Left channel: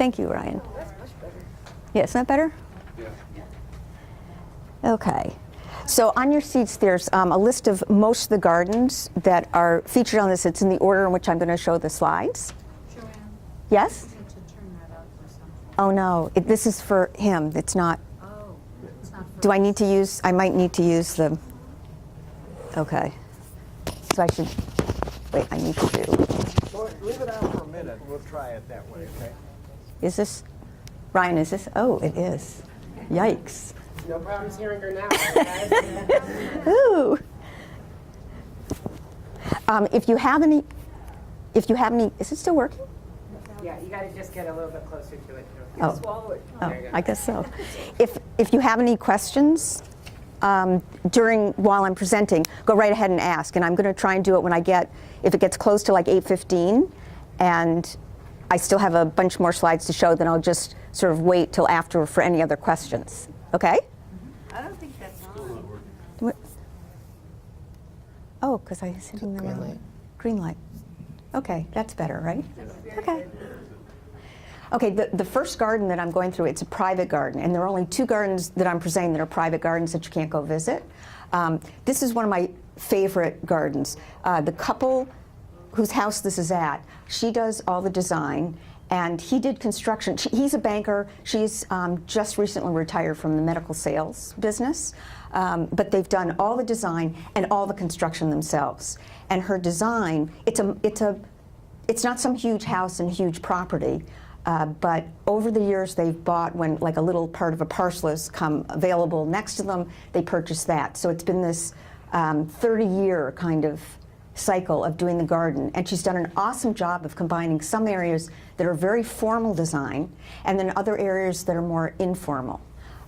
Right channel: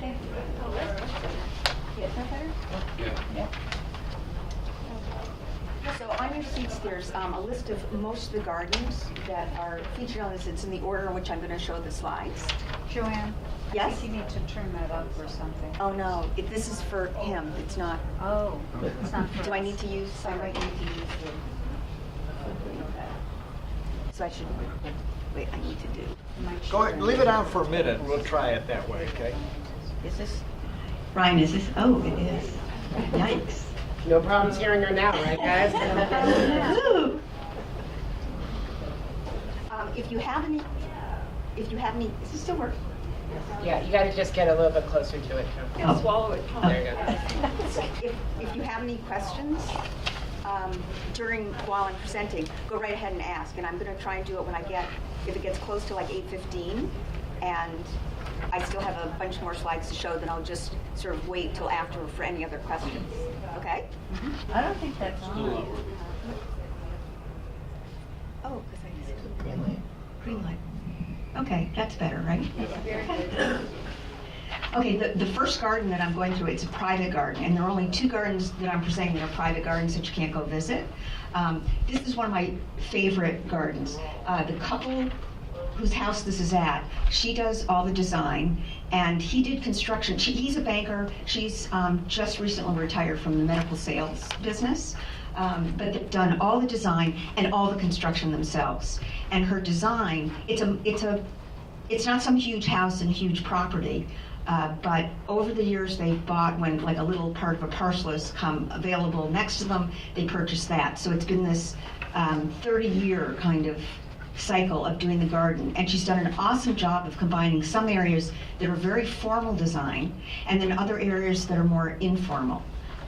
Thank you, Ryan. Yeah, isn't that better? Okay. So on your seats, there's a list of most of the gardens that are featured on this. It's in the order in which I'm going to show the slides. Joanne? Yes? You need to turn that up or something. Oh, no. This is for him. It's not. Oh, it's not for Do I need to use, I might need to use the, okay. So I should, wait, I need to do. Go ahead, leave it on for a minute. We'll try it that way, okay? Is this, Ryan, is this, oh, it is. Yikes. No problems hearing her now, right, guys? Ooh. If you have any, is this still working? Yeah, you got to just get a little bit closer to it. Oh. Swallow it. Oh, There you go. I guess so. If you have any questions while I'm presenting, go right ahead and ask. And I'm going to try and do it when if it gets close to like 8:15, and I still have a bunch more slides to show, then I'll just sort of wait till after for any other questions. Okay? I don't think that's on. What? Oh, because I see the green light. Okay, that's better, right? Okay. Okay, the first garden that I'm going through, it's a private garden, and there are only 2 gardens that I'm presenting that are private gardens that you can't go visit. This is one of my favorite gardens. The couple whose house this is at, she does all the design, and he did construction. He's a banker. She's just recently retired from the medical sales business, but they've done all the design and all the construction themselves. And her design, it's not some huge house and huge property, but over the years they've bought, when like a little part of a parcel has come available next to them, they purchased that. So it's been this 30-year kind of cycle of doing the garden, and she's done an awesome job of combining some areas that are very formal design and then other areas that are more informal.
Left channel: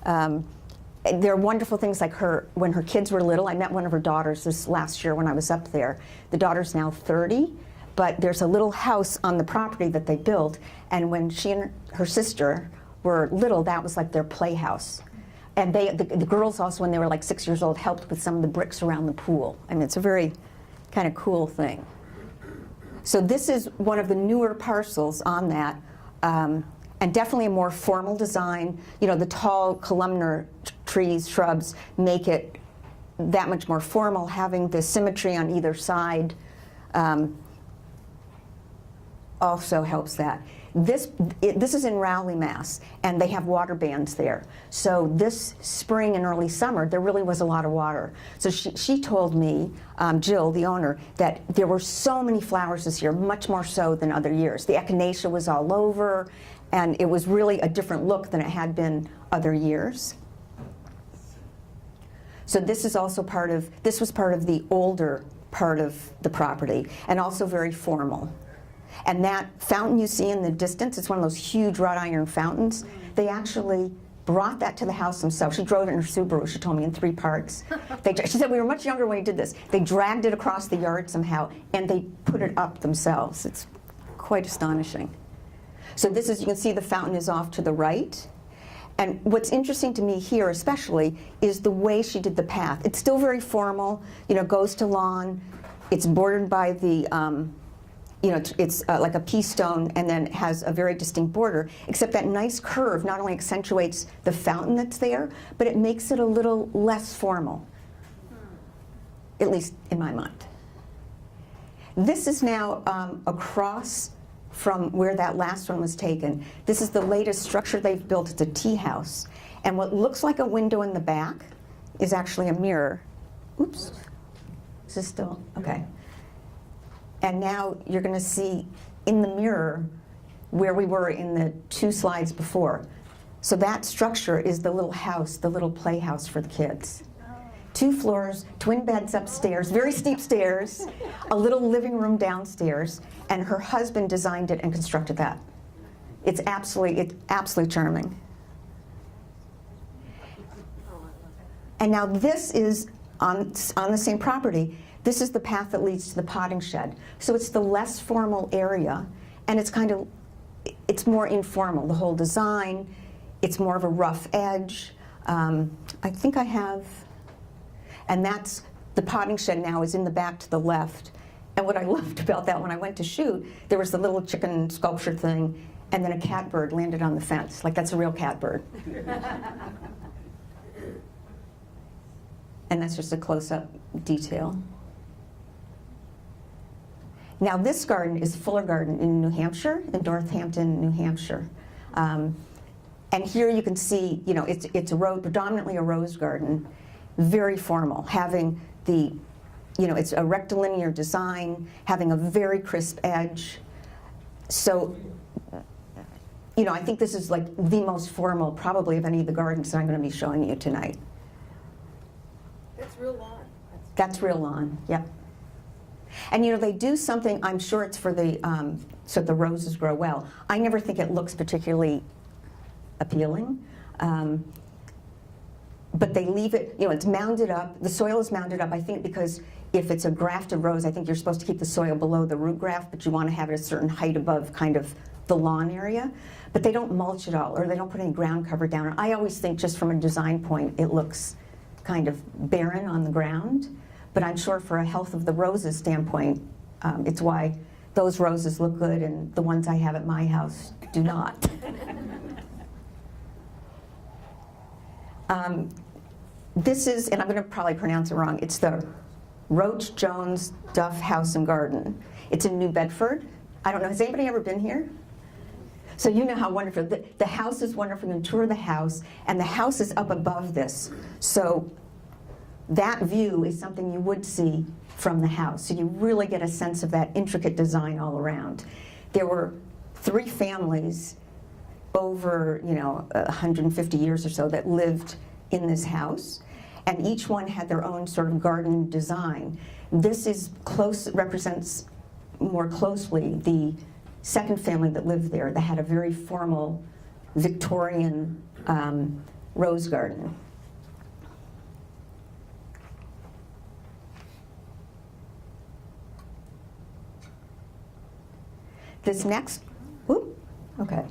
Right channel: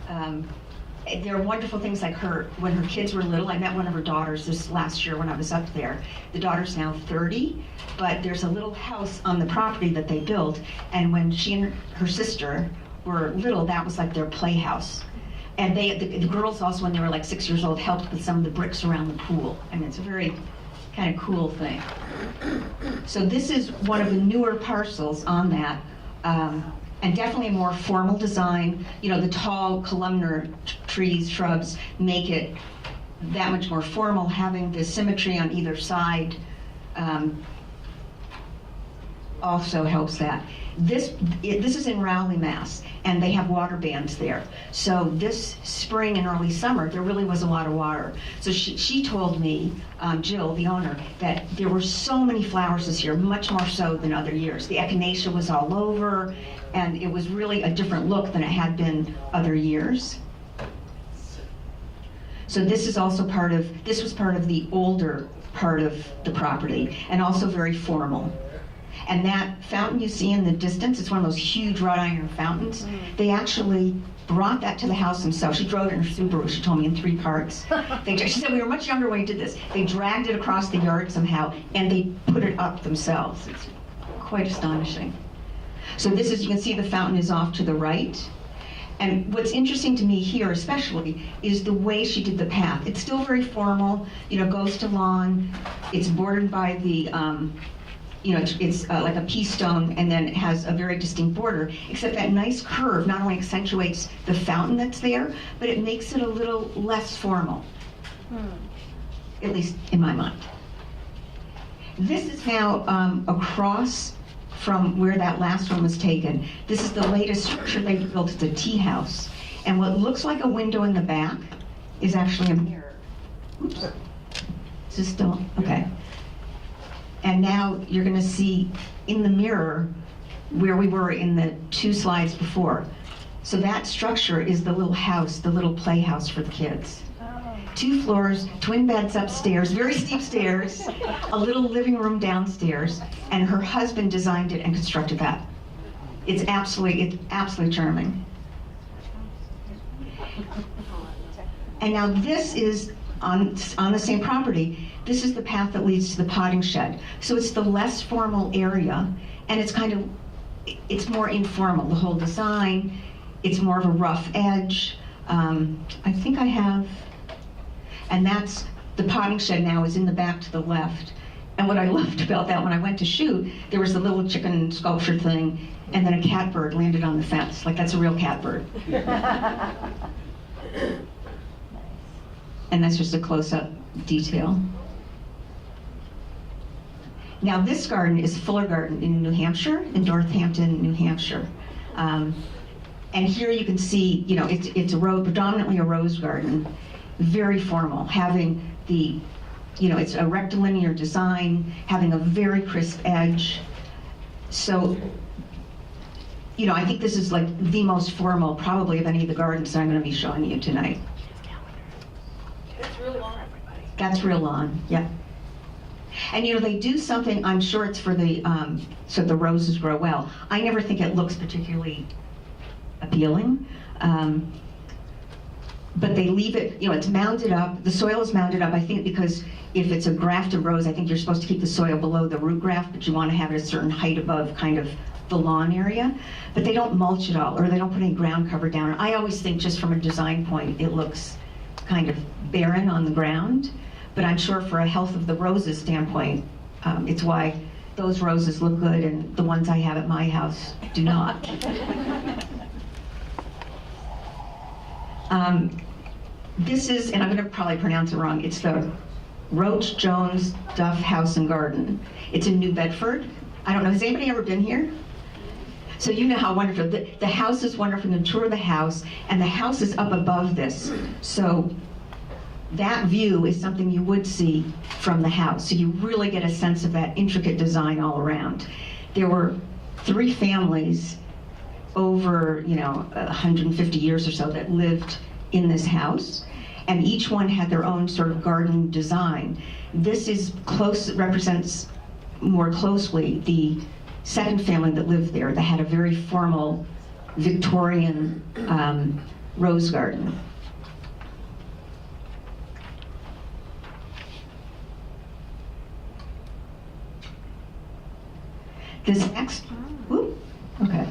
There are wonderful things like when her kids were little. I met one of her daughters this last year when I was up there. The daughter's now 30, but there's a little house on the property that they built, and when she and her sister were little, that was like their playhouse. And the girls also, when they were like 6 years old, helped with some of the bricks around the pool. I mean, it's a very kind of cool thing. So this is one of the newer parcels on that, and definitely a more formal design. You know, the tall columnar trees, shrubs make it that much more formal, having the symmetry on either side also helps that. This is in Rowley, Mass, and they have water bans there. So this spring and early summer, there really was a lot of water. So she told me, Jill, the owner, that there were so many flowers this year, much more so than other years. The echinacea was all over, and it was really a different look than it had been other years. So this is also this was part of the older part of the property, and also very formal. And that fountain you see in the distance, it's one of those huge wrought iron fountains. They actually brought that to the house themselves. She drove it in her Subaru, she told me, in 3 parts. She said, we were much younger when we did this. They dragged it across the yard somehow, and they put it up themselves. It's quite astonishing. So this is, you can see the fountain is off to the right. And what's interesting to me here especially is the way she did the path. It's still very formal, you know, goes to lawn. It's bordered by the, you know, it's like a pea stone, and then it has a very distinct border, except that nice curve not only accentuates the fountain that's there, but it makes it a little less formal, at least in my mind. This is now across from where that last one was taken. This is the latest structure they've built. It's a tea house. And what looks like a window in the back is actually a mirror. Oops. Is this still? Okay. And now you're going to see in the mirror where we were in the 2 slides before. So that structure is the little house, the little playhouse for the kids. 2 floors, twin beds upstairs, very steep stairs, a little living room downstairs, and her husband designed it and constructed that. It's absolutely charming. And now this is on the same property. This is the path that leads to the potting shed. So it's the less formal area, and it's more informal, the whole design. It's more of a rough edge. I think I have, and that's, the potting shed now is in the back to the left. And what I loved about that, when I went to shoot, there was a little chicken sculpture thing, and then a catbird landed on the fence, like that's a real catbird. And that's just a close-up detail. Now this garden is Fuller Garden in New Hampshire, in Northampton, New Hampshire. And here you can see, you know, it's predominantly a rose garden, very formal, having the, you know, it's a rectilinear design, having a very crisp edge. So, you know, I think this is like the most formal probably of any of the gardens that I'm going to be showing you tonight. It's real long. That's real lawn, yeah. And you know, they do something, I'm sure it's for the, so the roses grow well. I never think it looks particularly appealing. But they leave it, you know, it's mounded up, the soil is mounded up, I think because if it's a grafted rose, I think you're supposed to keep the soil below the root graft, but you want to have it a certain height above kind of the lawn area. But they don't mulch it all, or they don't put any ground cover down. I always think just from a design point, it looks kind of barren on the ground. But I'm sure for a health of the roses standpoint, it's why those roses look good and the ones I have at my house do not. This is, and I'm going to probably pronounce it wrong, it's the Roach Jones Duff House and Garden. It's in New Bedford. I don't know, has anybody ever been here? So you know how wonderful, the house is wonderful, you can tour the house, and the house is up above this. So that view is something you would see from the house. So you really get a sense of that intricate design all around. There were 3 families over, you know, 150 years or so that lived in this house, and each one had their own sort of garden design. This is represents more closely the second family that lived there that had a very formal Victorian rose garden. This next, whoop, okay.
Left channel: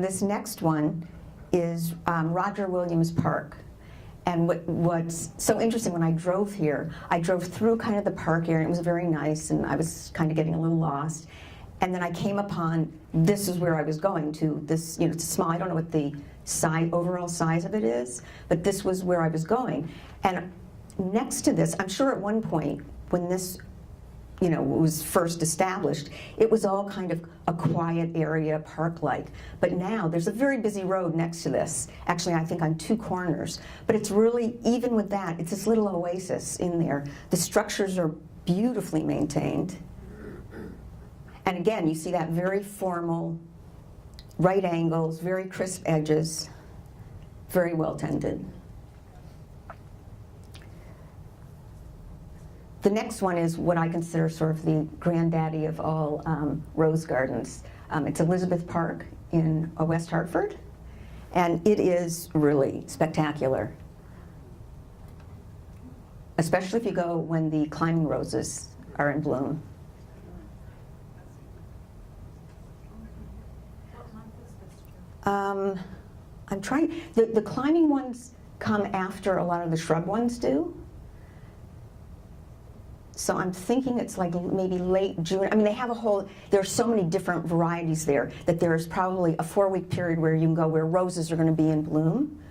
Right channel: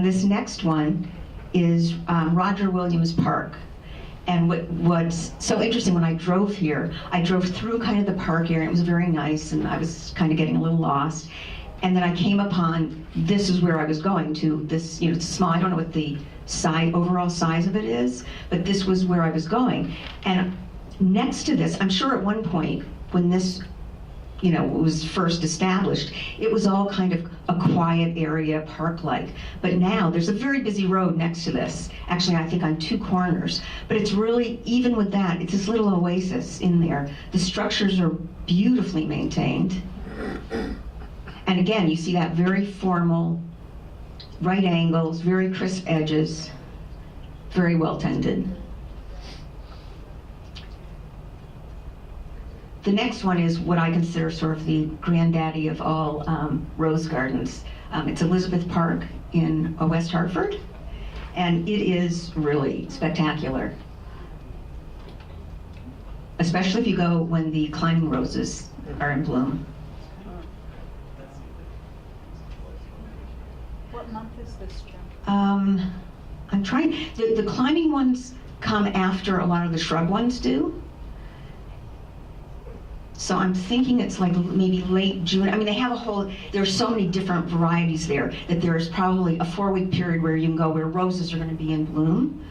This next one is Roger Williams Park. And what's so interesting, when I drove here, I drove through kind of the park area. It was very nice, and I was kind of getting a little lost. And then I came upon, this is where I was going to, this, you know, it's small, I don't know what the overall size of it is, but this was where I was going. And next to this, I'm sure at one point, when this, you know, was first established, it was all kind of a quiet area, park-like. But now, there's a very busy road next to this. Actually, I think on 2 corners. But it's really, even with that, it's this little oasis in there. The structures are beautifully maintained. And again, you see that very formal, right angles, very crisp edges, very well tended. The next one is what I consider sort of the granddaddy of all rose gardens. It's Elizabeth Park in West Hartford, and it is really spectacular. Especially if you go when the climbing roses are in bloom. What month is this, Joe? I'm trying, the climbing ones come after a lot of the shrub ones do. So I'm thinking it's like maybe late June. I mean, they have a whole, there's so many different varieties there that there's probably a 4-week period where you can go where roses are going to be in bloom.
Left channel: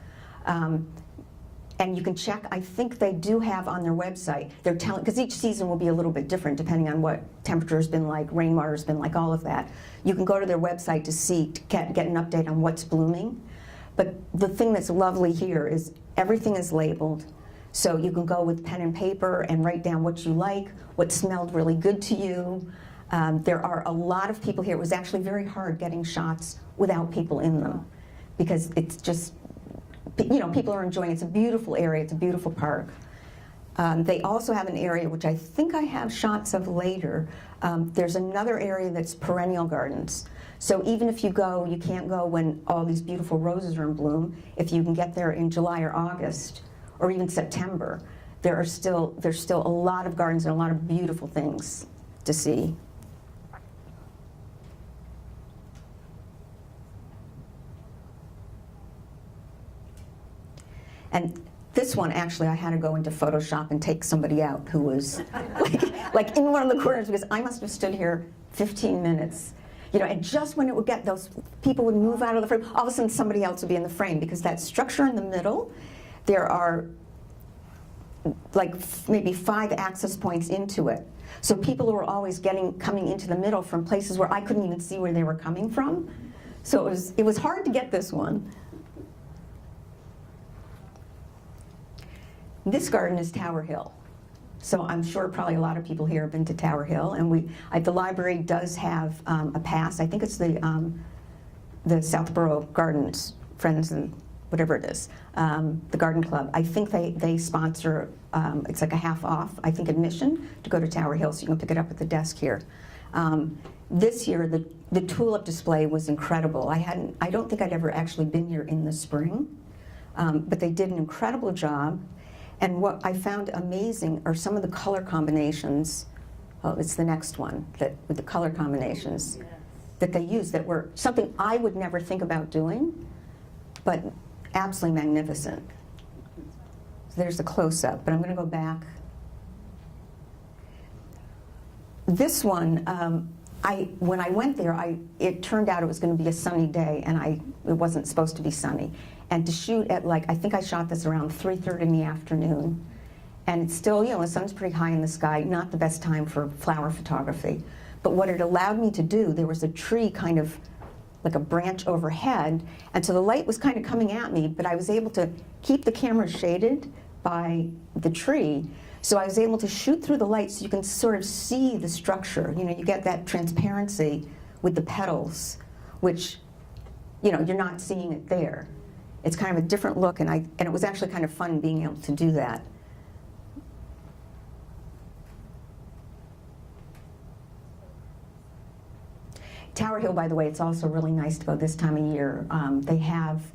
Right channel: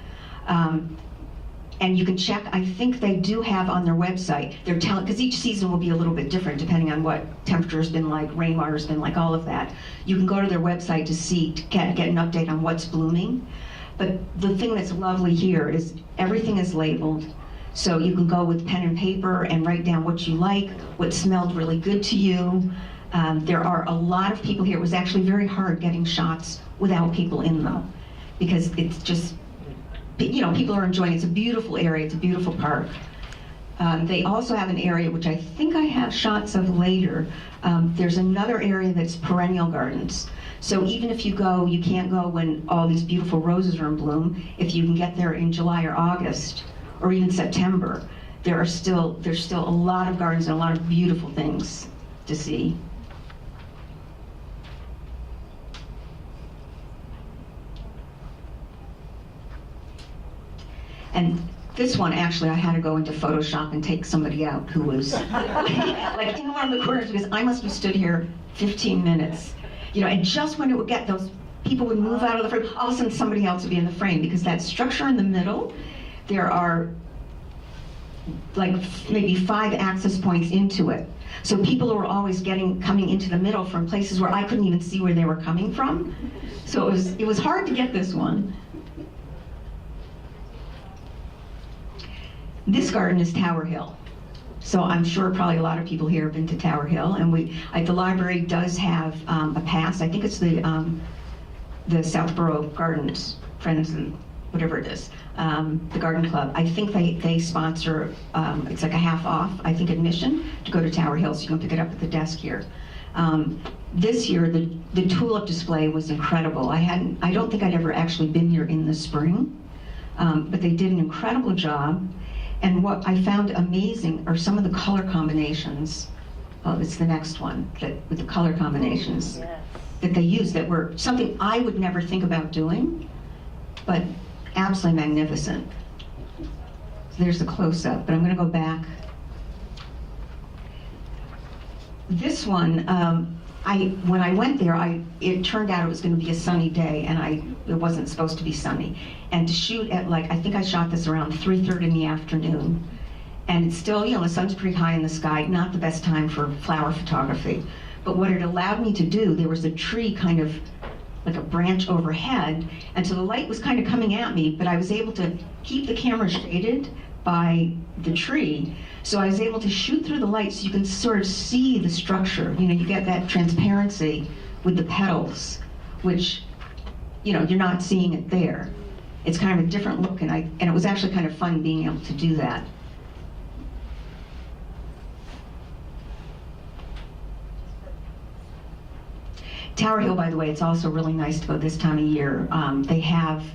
And you can check, I think they do have on their website, they're telling, because each season will be a little bit different depending on what temperature's been like, rainwater's been like, all of that. You can go to their website to see, to get an update on what's blooming. But the thing that's lovely here is everything is labeled. So you can go with pen and paper and write down what you like, what smelled really good to you. There are a lot of people here. It was actually very hard getting shots without people in them because it's just, you know, people are enjoying it. It's a beautiful area. It's a beautiful park. They also have an area, which I think I have shots of later. There's another area that's perennial gardens. So even if you go, you can't go when all these beautiful roses are in bloom. If you can get there in July or August, or even September, there's still a lot of gardens and a lot of beautiful things to see. And this one, actually, I had to go into Photoshop and take somebody out who was like in one of the corners because I must have stood here 15 minutes. You know, and just when it would get, those people would move out of the frame, all of a sudden somebody else would be in the frame, because that structure in the middle, there are like maybe 5 access points into it. So people were always coming into the middle from places where I couldn't even see where they were coming from. So it was hard to get this one. This garden is Tower Hill. So I'm sure probably a lot of people here have been to Tower Hill, and the library does have a pass. I think it's the Southborough Gardens, Friends and whatever it is, the Garden Club. I think they sponsor, it's like a half off, I think, admission to go to Tower Hill, so you can pick it up at the desk here. This year, the tulip display was incredible. I don't think I'd ever actually been here in the spring, but they did an incredible job. And what I found amazing are some of the color combinations. Oh, it's the next one, with the color combinations that they used that were something I would never think about doing, but absolutely magnificent. So there's the close-up, but I'm gonna go back. This one, when I went there, it turned out it was gonna be a sunny day, and it wasn't supposed to be sunny. And to shoot at I think I shot this around 3:30 in the afternoon. And it's still, the sun's pretty high in the sky, not the best time for flower photography. But what it allowed me to do, there was a tree kind of like a branch overhead, and so the light was kind of coming at me, but I was able to keep the camera shaded by the tree. So I was able to shoot through the light so you can sort of see the structure. You get that transparency with the petals, which, you're not seeing it there. It's kind of a different look, and it was actually kind of fun being able to do that. Tower Hill, by the way, it's also really nice to go this time of year. They have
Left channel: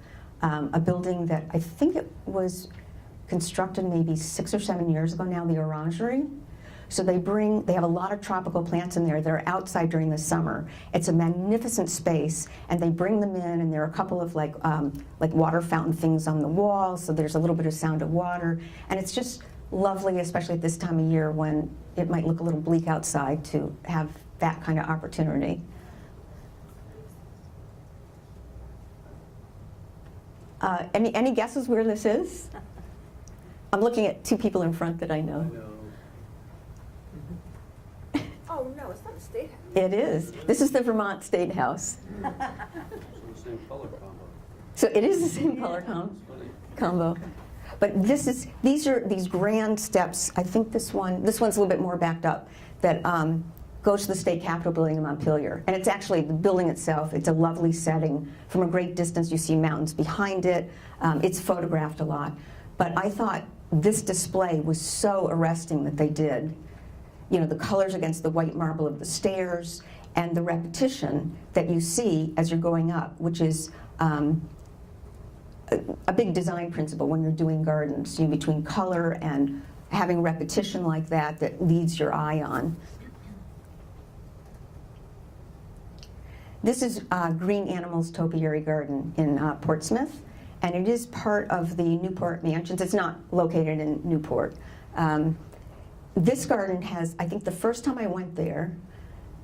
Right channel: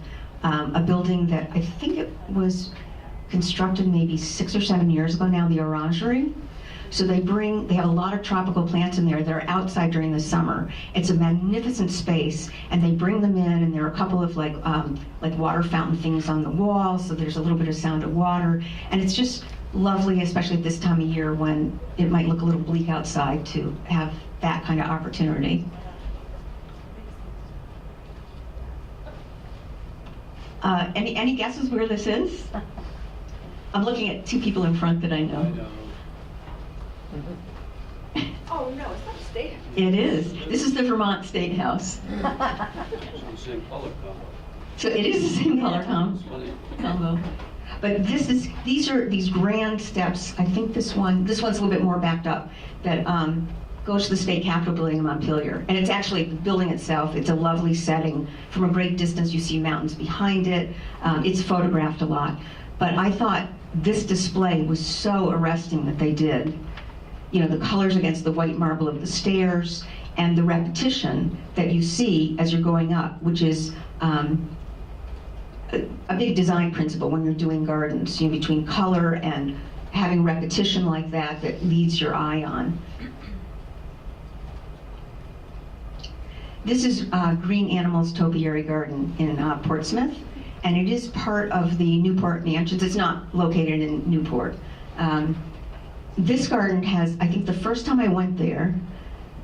a building that I think it was constructed maybe 6 or 7 years ago now, the Orangery. So they have a lot of tropical plants in there that are outside during the summer. It's a magnificent space, and they bring them in, and there are a couple of like water fountain things on the wall, so there's a little bit of sound of water, and it's just lovely, especially at this time of year when it might look a little bleak outside, to have that kind of opportunity. Any guesses where this is? I'm looking at 2 people in front that I know. Oh, no, it's not a state. It is. This is the Vermont State House. So it is the same color combo. But these are these grand steps. I think this one's a little bit more backed up, that goes to the state capitol building in Montpelier. And it's actually the building itself. It's a lovely setting. From a great distance, you see mountains behind it. It's photographed a lot. But I thought this display was so arresting that they did. The colors against the white marble of the stairs, and the repetition that you see as you're going up, which is a big design principle when you're doing gardens, between color and having repetition like that leads your eye on. This is Green Animals Topiary Garden in Portsmouth, and it is part of the Newport Mansions. It's not located in Newport. This garden has, I think the first time I went there,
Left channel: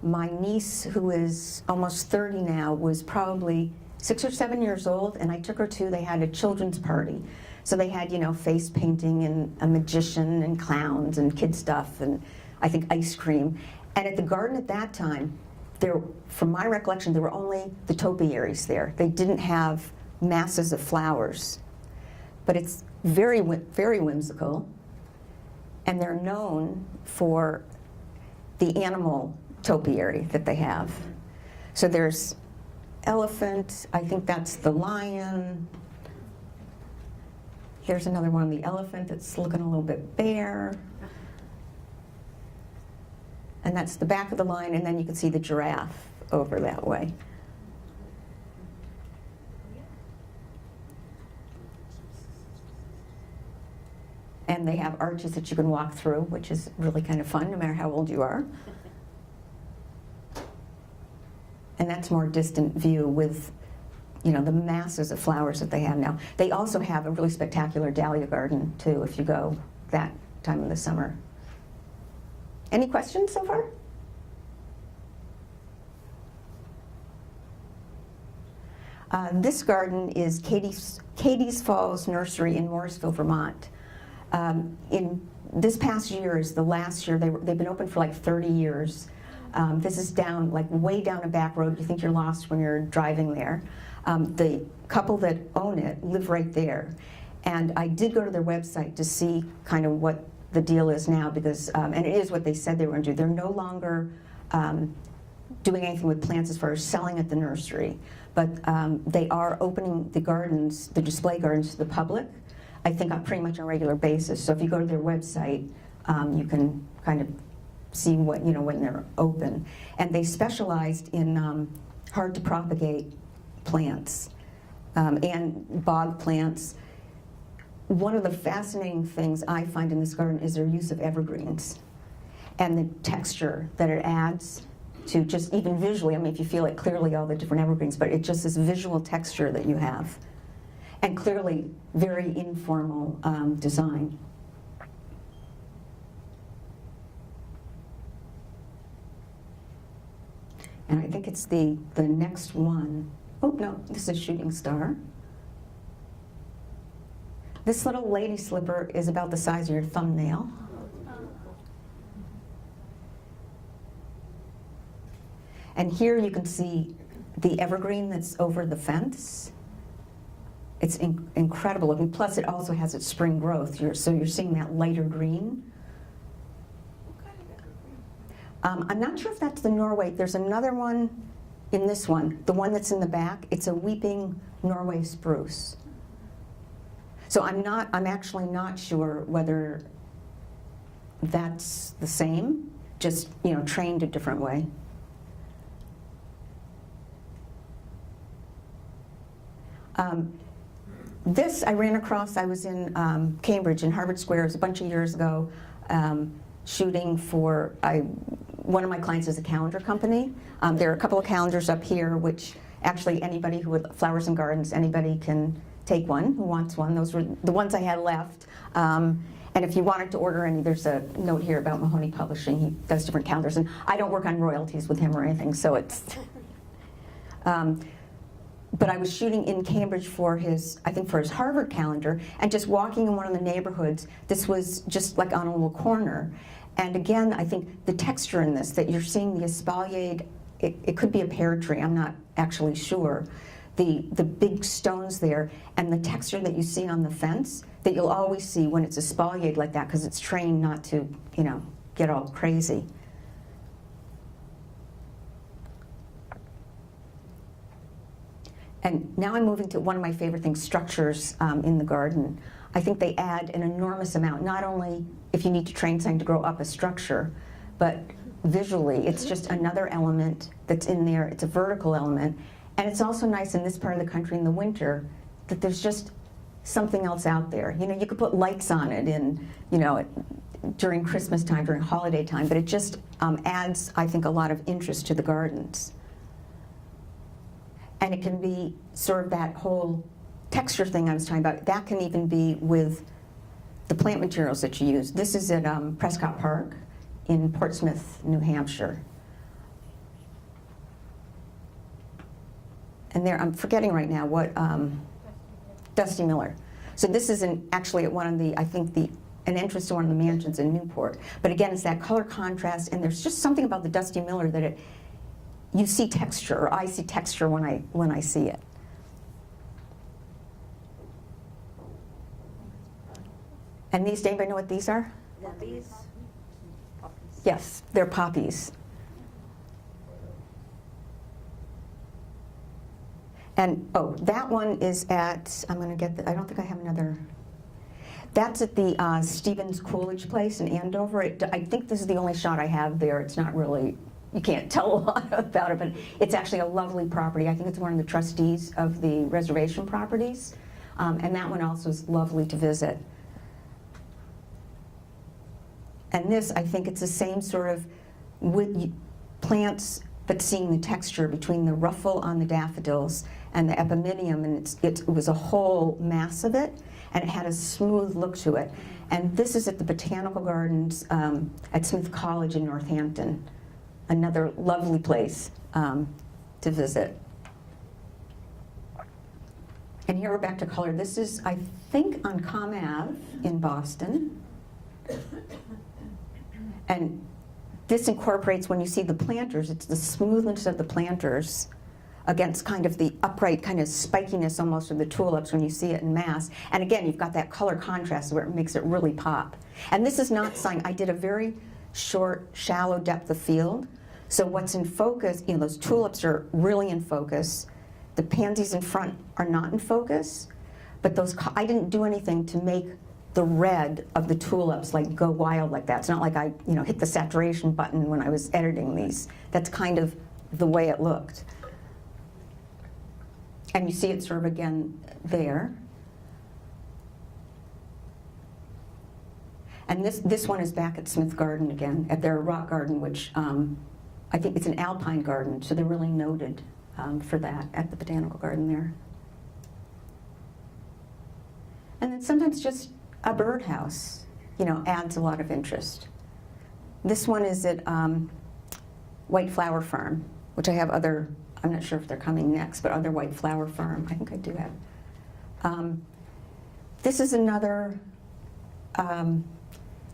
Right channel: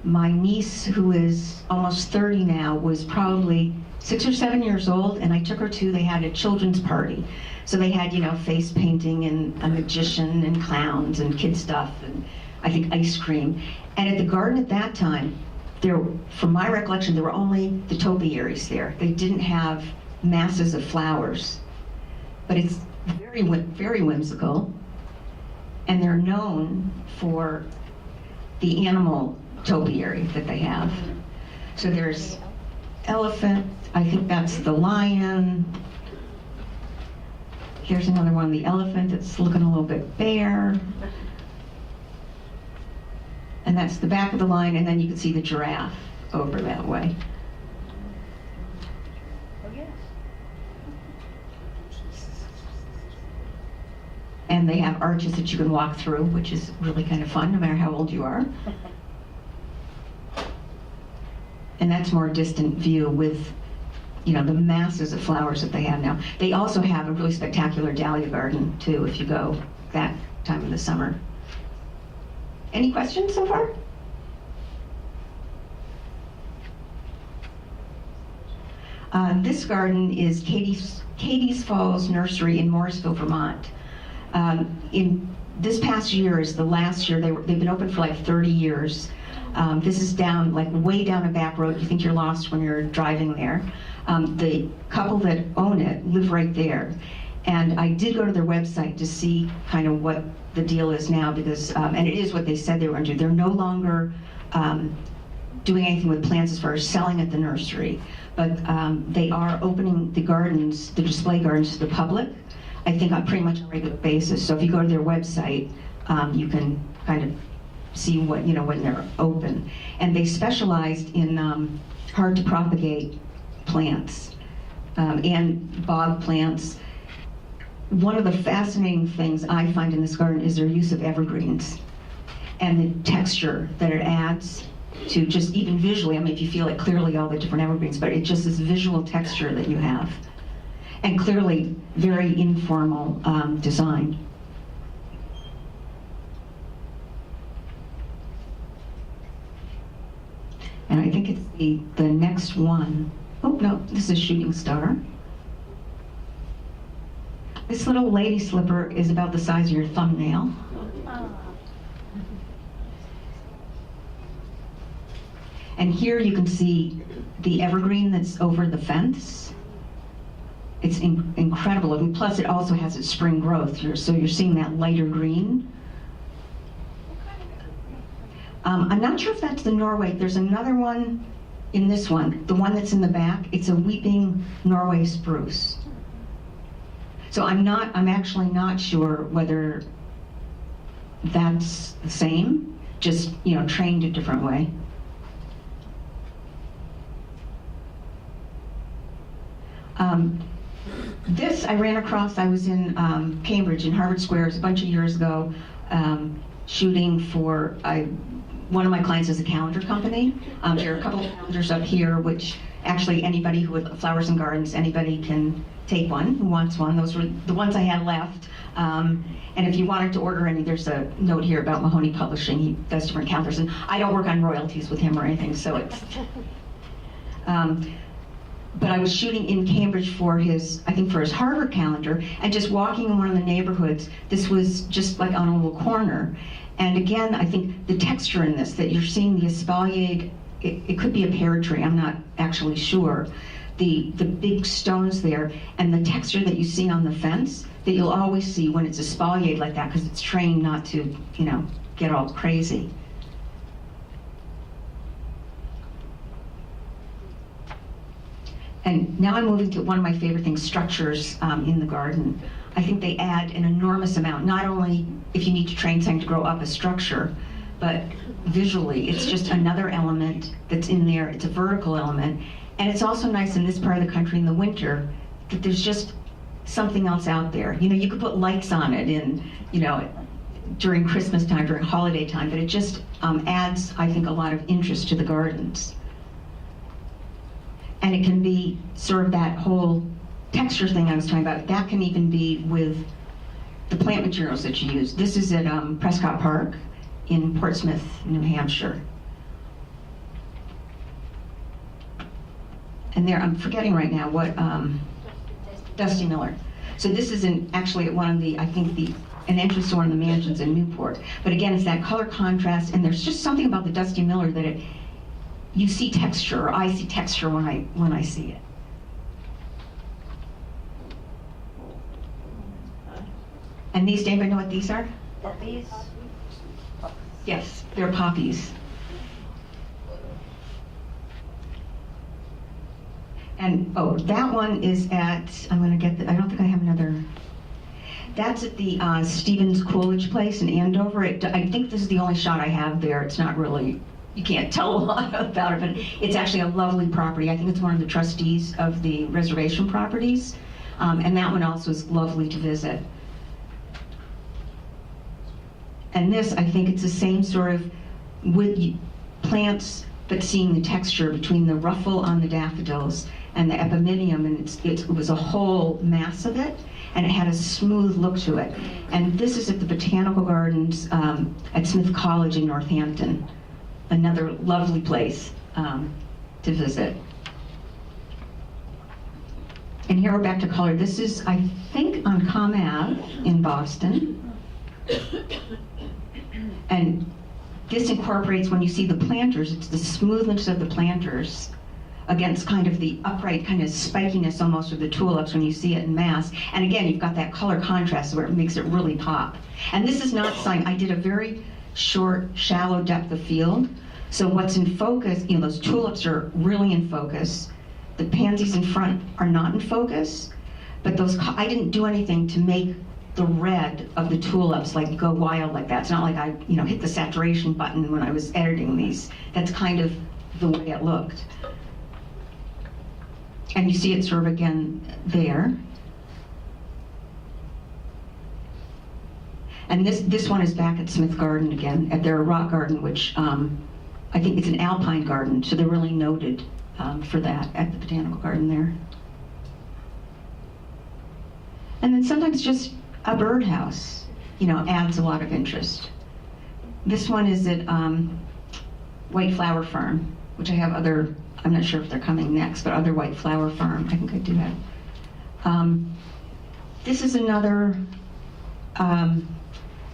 my niece, who is almost 30 now, was probably 6 or 7 years old, and I took her they had a children's party. So they had, face painting and a magician and clowns and kid stuff, and I think ice cream. And at the garden at that time, from my recollection, there were only the topiaries there. They didn't have masses of flowers. But it's very, very whimsical. And they're known for the animal topiary that they have. So there's elephant, I think that's the lion. Here's another one, the elephant, it's looking a little bit bare. And that's the back of the line, and then you can see the giraffe over that way. And they have arches that you can walk through, which is really kind of fun, no matter how old you are. And that's more distant view with, the masses of flowers that they have now. They also have a really spectacular dahlia garden, too, if you go that time of the summer. Any questions so far? This garden is Katie's Falls Nursery in Morrisville, Vermont. In this past year is the last year. They've been open for like 30 years. This is down, like way down a back road. You think you're lost when you're driving there. The couple that own it live right there. And I did go to their website to see kind of what the deal is now, because, and it is what they said they were going to do. They're no longer doing anything with plants as far as selling at the nursery, but they are opening the gardens, the display gardens, to the public, I think on pretty much a regular basis. So if you go to their website, you can kind of see what, when they're open. And they specialized in hard to propagate plants and bog plants. One of the fascinating things I find in this garden is their use of evergreens and the texture that it adds to just even visually. I mean, if you feel it clearly, all the different evergreens, but it's just this visual texture that you have. And clearly, very informal design. And I think it's the next one. Oh, no, this is Shooting Star. This little lady slipper is about the size of your thumbnail. And here you can see the evergreen that's over the fence. It's incredible, and plus it also has its spring growth, so you're seeing that lighter green. I'm not sure if that's the Norway. There's another one in this one, the one that's in the back. It's a weeping Norway spruce. So I'm actually not sure whether that's the same, just trained a different way. This I ran across. I was in Cambridge in Harvard Square a bunch of years ago, shooting for one of my clients is a calendar company. There are a couple of calendars up here, which actually anybody who with flowers and gardens, anybody can take one who wants one. Those were the ones I had left. And if you wanted to order any, there's a note here about Mahoney Publishing. He does different calendars, and I don't work on royalties with him or anything, so it's. But I was shooting in Cambridge for his Harvard calendar, and just walking in one of the neighborhoods, this was just like on a little corner. And again, I think the texture in this, that you're seeing the espaliered, it could be a pear tree, I'm not actually sure. The big stones there, and the texture that you see on the fence, that you'll always see when it's espaliered like that, because it's trained not to, get all crazy. And now I'm moving to one of my favorite things, structures in the garden. I think they add an enormous amount, not only if you need to train something to grow up a structure, but visually, it's just another element that's in there. It's a vertical element. And it's also nice in this part of the country in the winter that there's just something else out there. You could put lights on it in, during Christmas time, during holiday time, but it just adds, I think, a lot of interest to the gardens. And it can be sort of that whole texture thing I was talking about. That can even be with the plant materials that you use. This is at Prescott Park in Portsmouth, New Hampshire. And there, I'm forgetting right now what, Dusty Miller. So this is actually at one of the, I think an entrance to one of the mansions in Newport. But again, it's that color contrast, and there's just something about the Dusty Miller that you see texture, or I see texture when I see it. And these, anybody know what these are? Poppies? Yes, they're poppies. And, that one is at, I don't think I have another. That's at the Stevens Coolidge place in Andover. I think this is the only shot I have there. It's not really, you can't tell a lot about it, but it's actually a lovely property. I think it's one of the trustees of the reservation properties. And that one also is lovely to visit. And this, I think it's the same sort of wood plants, but seeing the texture between the ruffle on the daffodils and the epimenium, and it was a whole mass of it, and it had a smooth look to it. And this is at the Botanical Gardens at Smith College in Northampton. Another lovely place to visit. And here we're back to color. This is, I think, on Com Ave in Boston. And this incorporates, when you see the planters, it's the smoothness of the planters against kind of the upright kind of spikiness almost of the tulips when you see it in mass. And again, you've got that color contrast where it makes it really pop. And this is not sign. I did a very short, shallow depth of field. So what's in focus, those tulips are really in focus. The pansies in front are not in focus. But I didn't do anything to make the red of the tulips like go wild like that. It's not like I hit the saturation button when I was editing these. That's kind of the way it looked. And you see it sort of again there. And this one is back at Smith Garden again, at their rock garden, which I think it's an alpine garden, so they're really noted for that at the Botanical Garden there. And then sometimes just a birdhouse, adds a lot of interest. This one is at White Flower Farm, which I have other, I'm not sure if they're coming next, but other White Flower Farm, I think I do have. This is another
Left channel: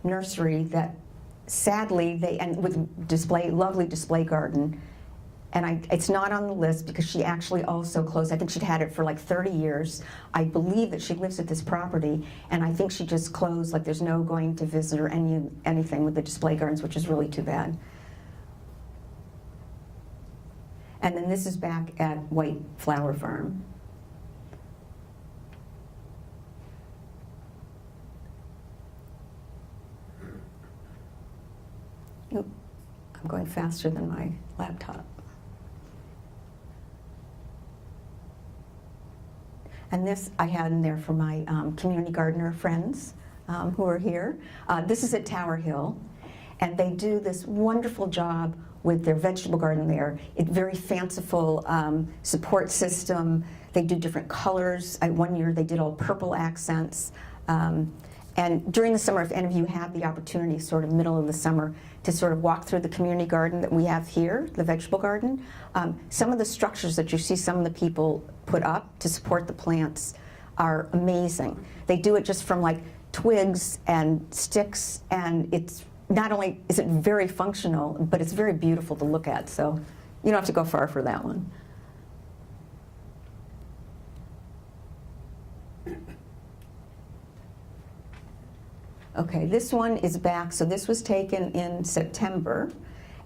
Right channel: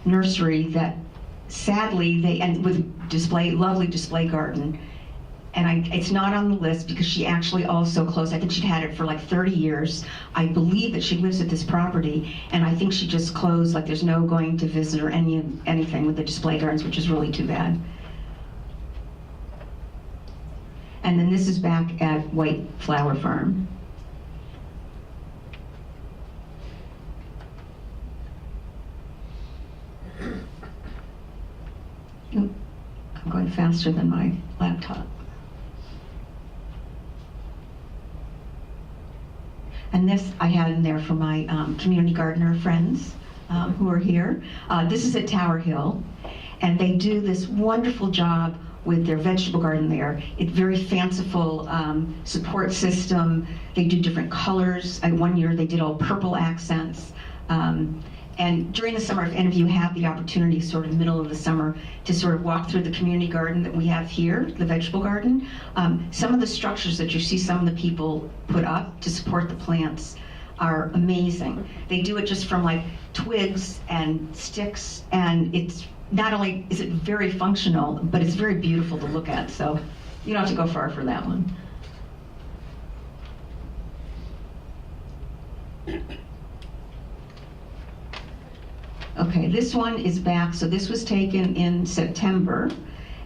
nursery that sadly they end with lovely display garden. And it's not on the list because she actually also closed. I think she'd had it for like 30 years. I believe that she lives at this property, and I think she just closed, like there's no going to visit or anything with the display gardens, which is really too bad. And then this is back at White Flower Farm. Ooh, I'm going faster than my laptop. And this I had in there for my community gardener friends who are here. This is at Tower Hill, and they do this wonderful job with their vegetable garden there. It's very fanciful support system. They do different colors. One year they did all purple accents. And during the summer, if any of you have the opportunity, sort of middle of the summer, to sort of walk through the community garden that we have here, the vegetable garden, some of the structures that you see some of the people put up to support the plants are amazing. They do it just from like twigs and sticks, and it's not only is it very functional, but it's very beautiful to look at, so you don't have to go far for that one. Okay, this one is back, so this was taken in September,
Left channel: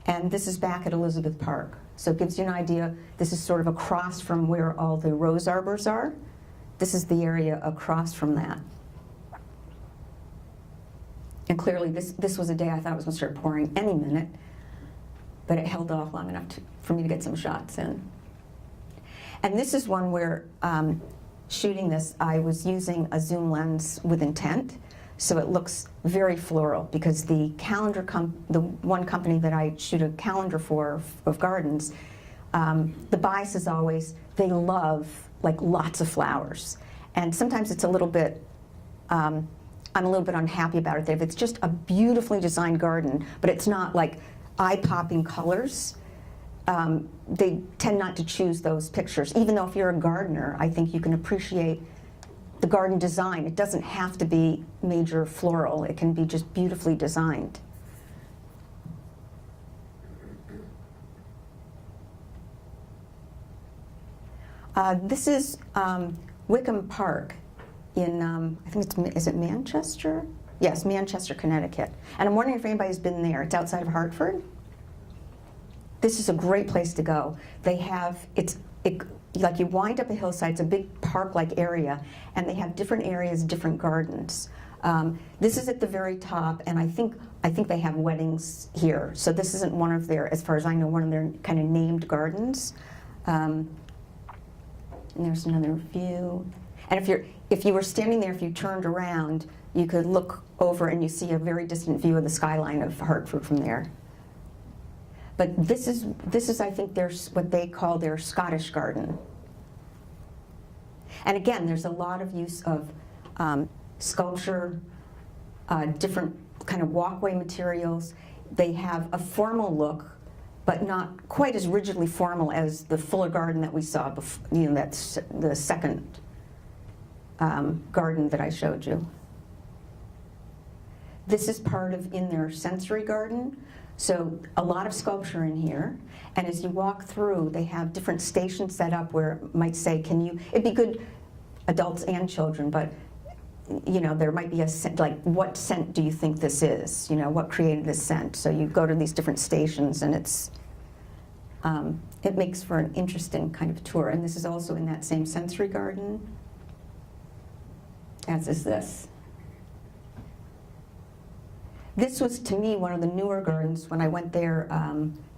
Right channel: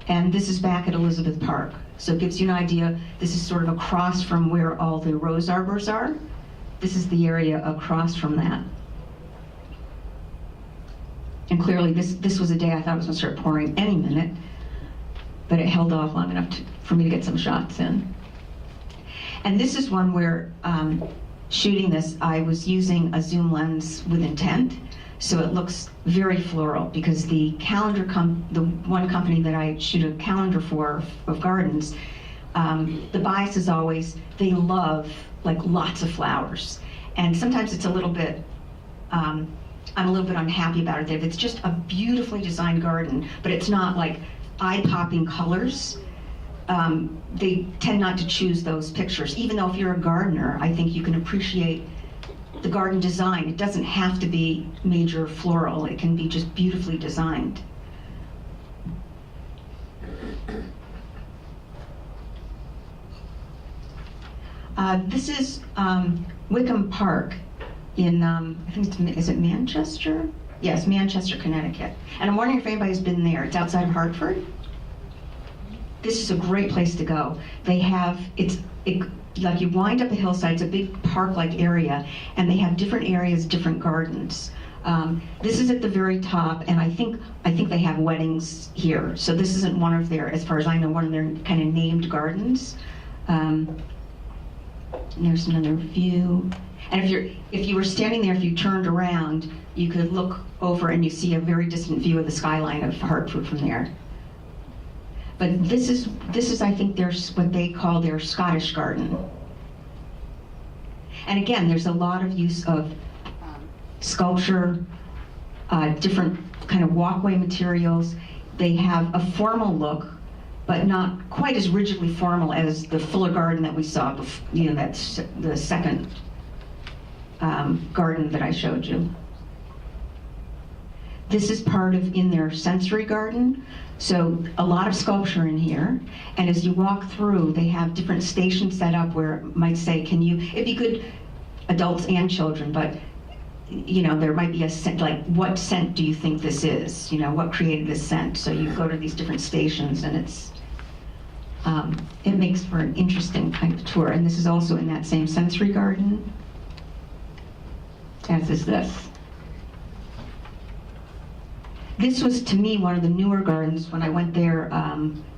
and this is back at Elizabeth Park. So it gives you an idea, this is sort of across from where all the rose arbors are. This is the area across from that. And clearly this was a day I thought it was gonna start pouring any minute, but it held off long enough for me to get some shots in. And this is one where, shooting this, I was using a zoom lens with intent. So it looks very floral because the calendar, the one company that I shoot a calendar for of gardens, the bias is always, they love like lots of flowers. And sometimes it's a little bit, I'm a little bit unhappy about it. If it's just a beautifully designed garden, but it's not like eye-popping colors, they tend not to choose those pictures. Even though if you're a gardener, I think you can appreciate the garden design. It doesn't have to be major floral. It can be just beautifully designed. This is Wycombe Park in, I think is it Manchester? Yes, Manchester, Connecticut. And I'm wondering if anybody's been there. It's outside of Hartford. This is a great place to go. They have, like you wind up a hillside, it's a big park-like area, and they have different areas, different gardens. This is at the very top, and I think they have weddings here. So this isn't one of their, as far as I know, one of their kind of named gardens. There's another view. And if you were standing there, if you turned around, you could look over and you see a very distant view of the skyline of Hartford from there. But this is I think there's what they call their Scottish garden. And again, there's a lot of use of sculpture, different kind of walkway materials. They have a formal look, but not quite as rigidly formal as the Fuller garden that we saw, that's the second garden that I showed you. This is part of in their sensory garden. So a lot of sculpture in here, and as you walk through, they have different stations set up where it might say, it'd be good adults and children, but there might be a scent, like what scent do you think this is? What created this scent? So you go to these different stations, and it makes for an interesting kind of tour. And this is also in that same sensory garden, as is this. This was, to me, one of the newer gardens when I went there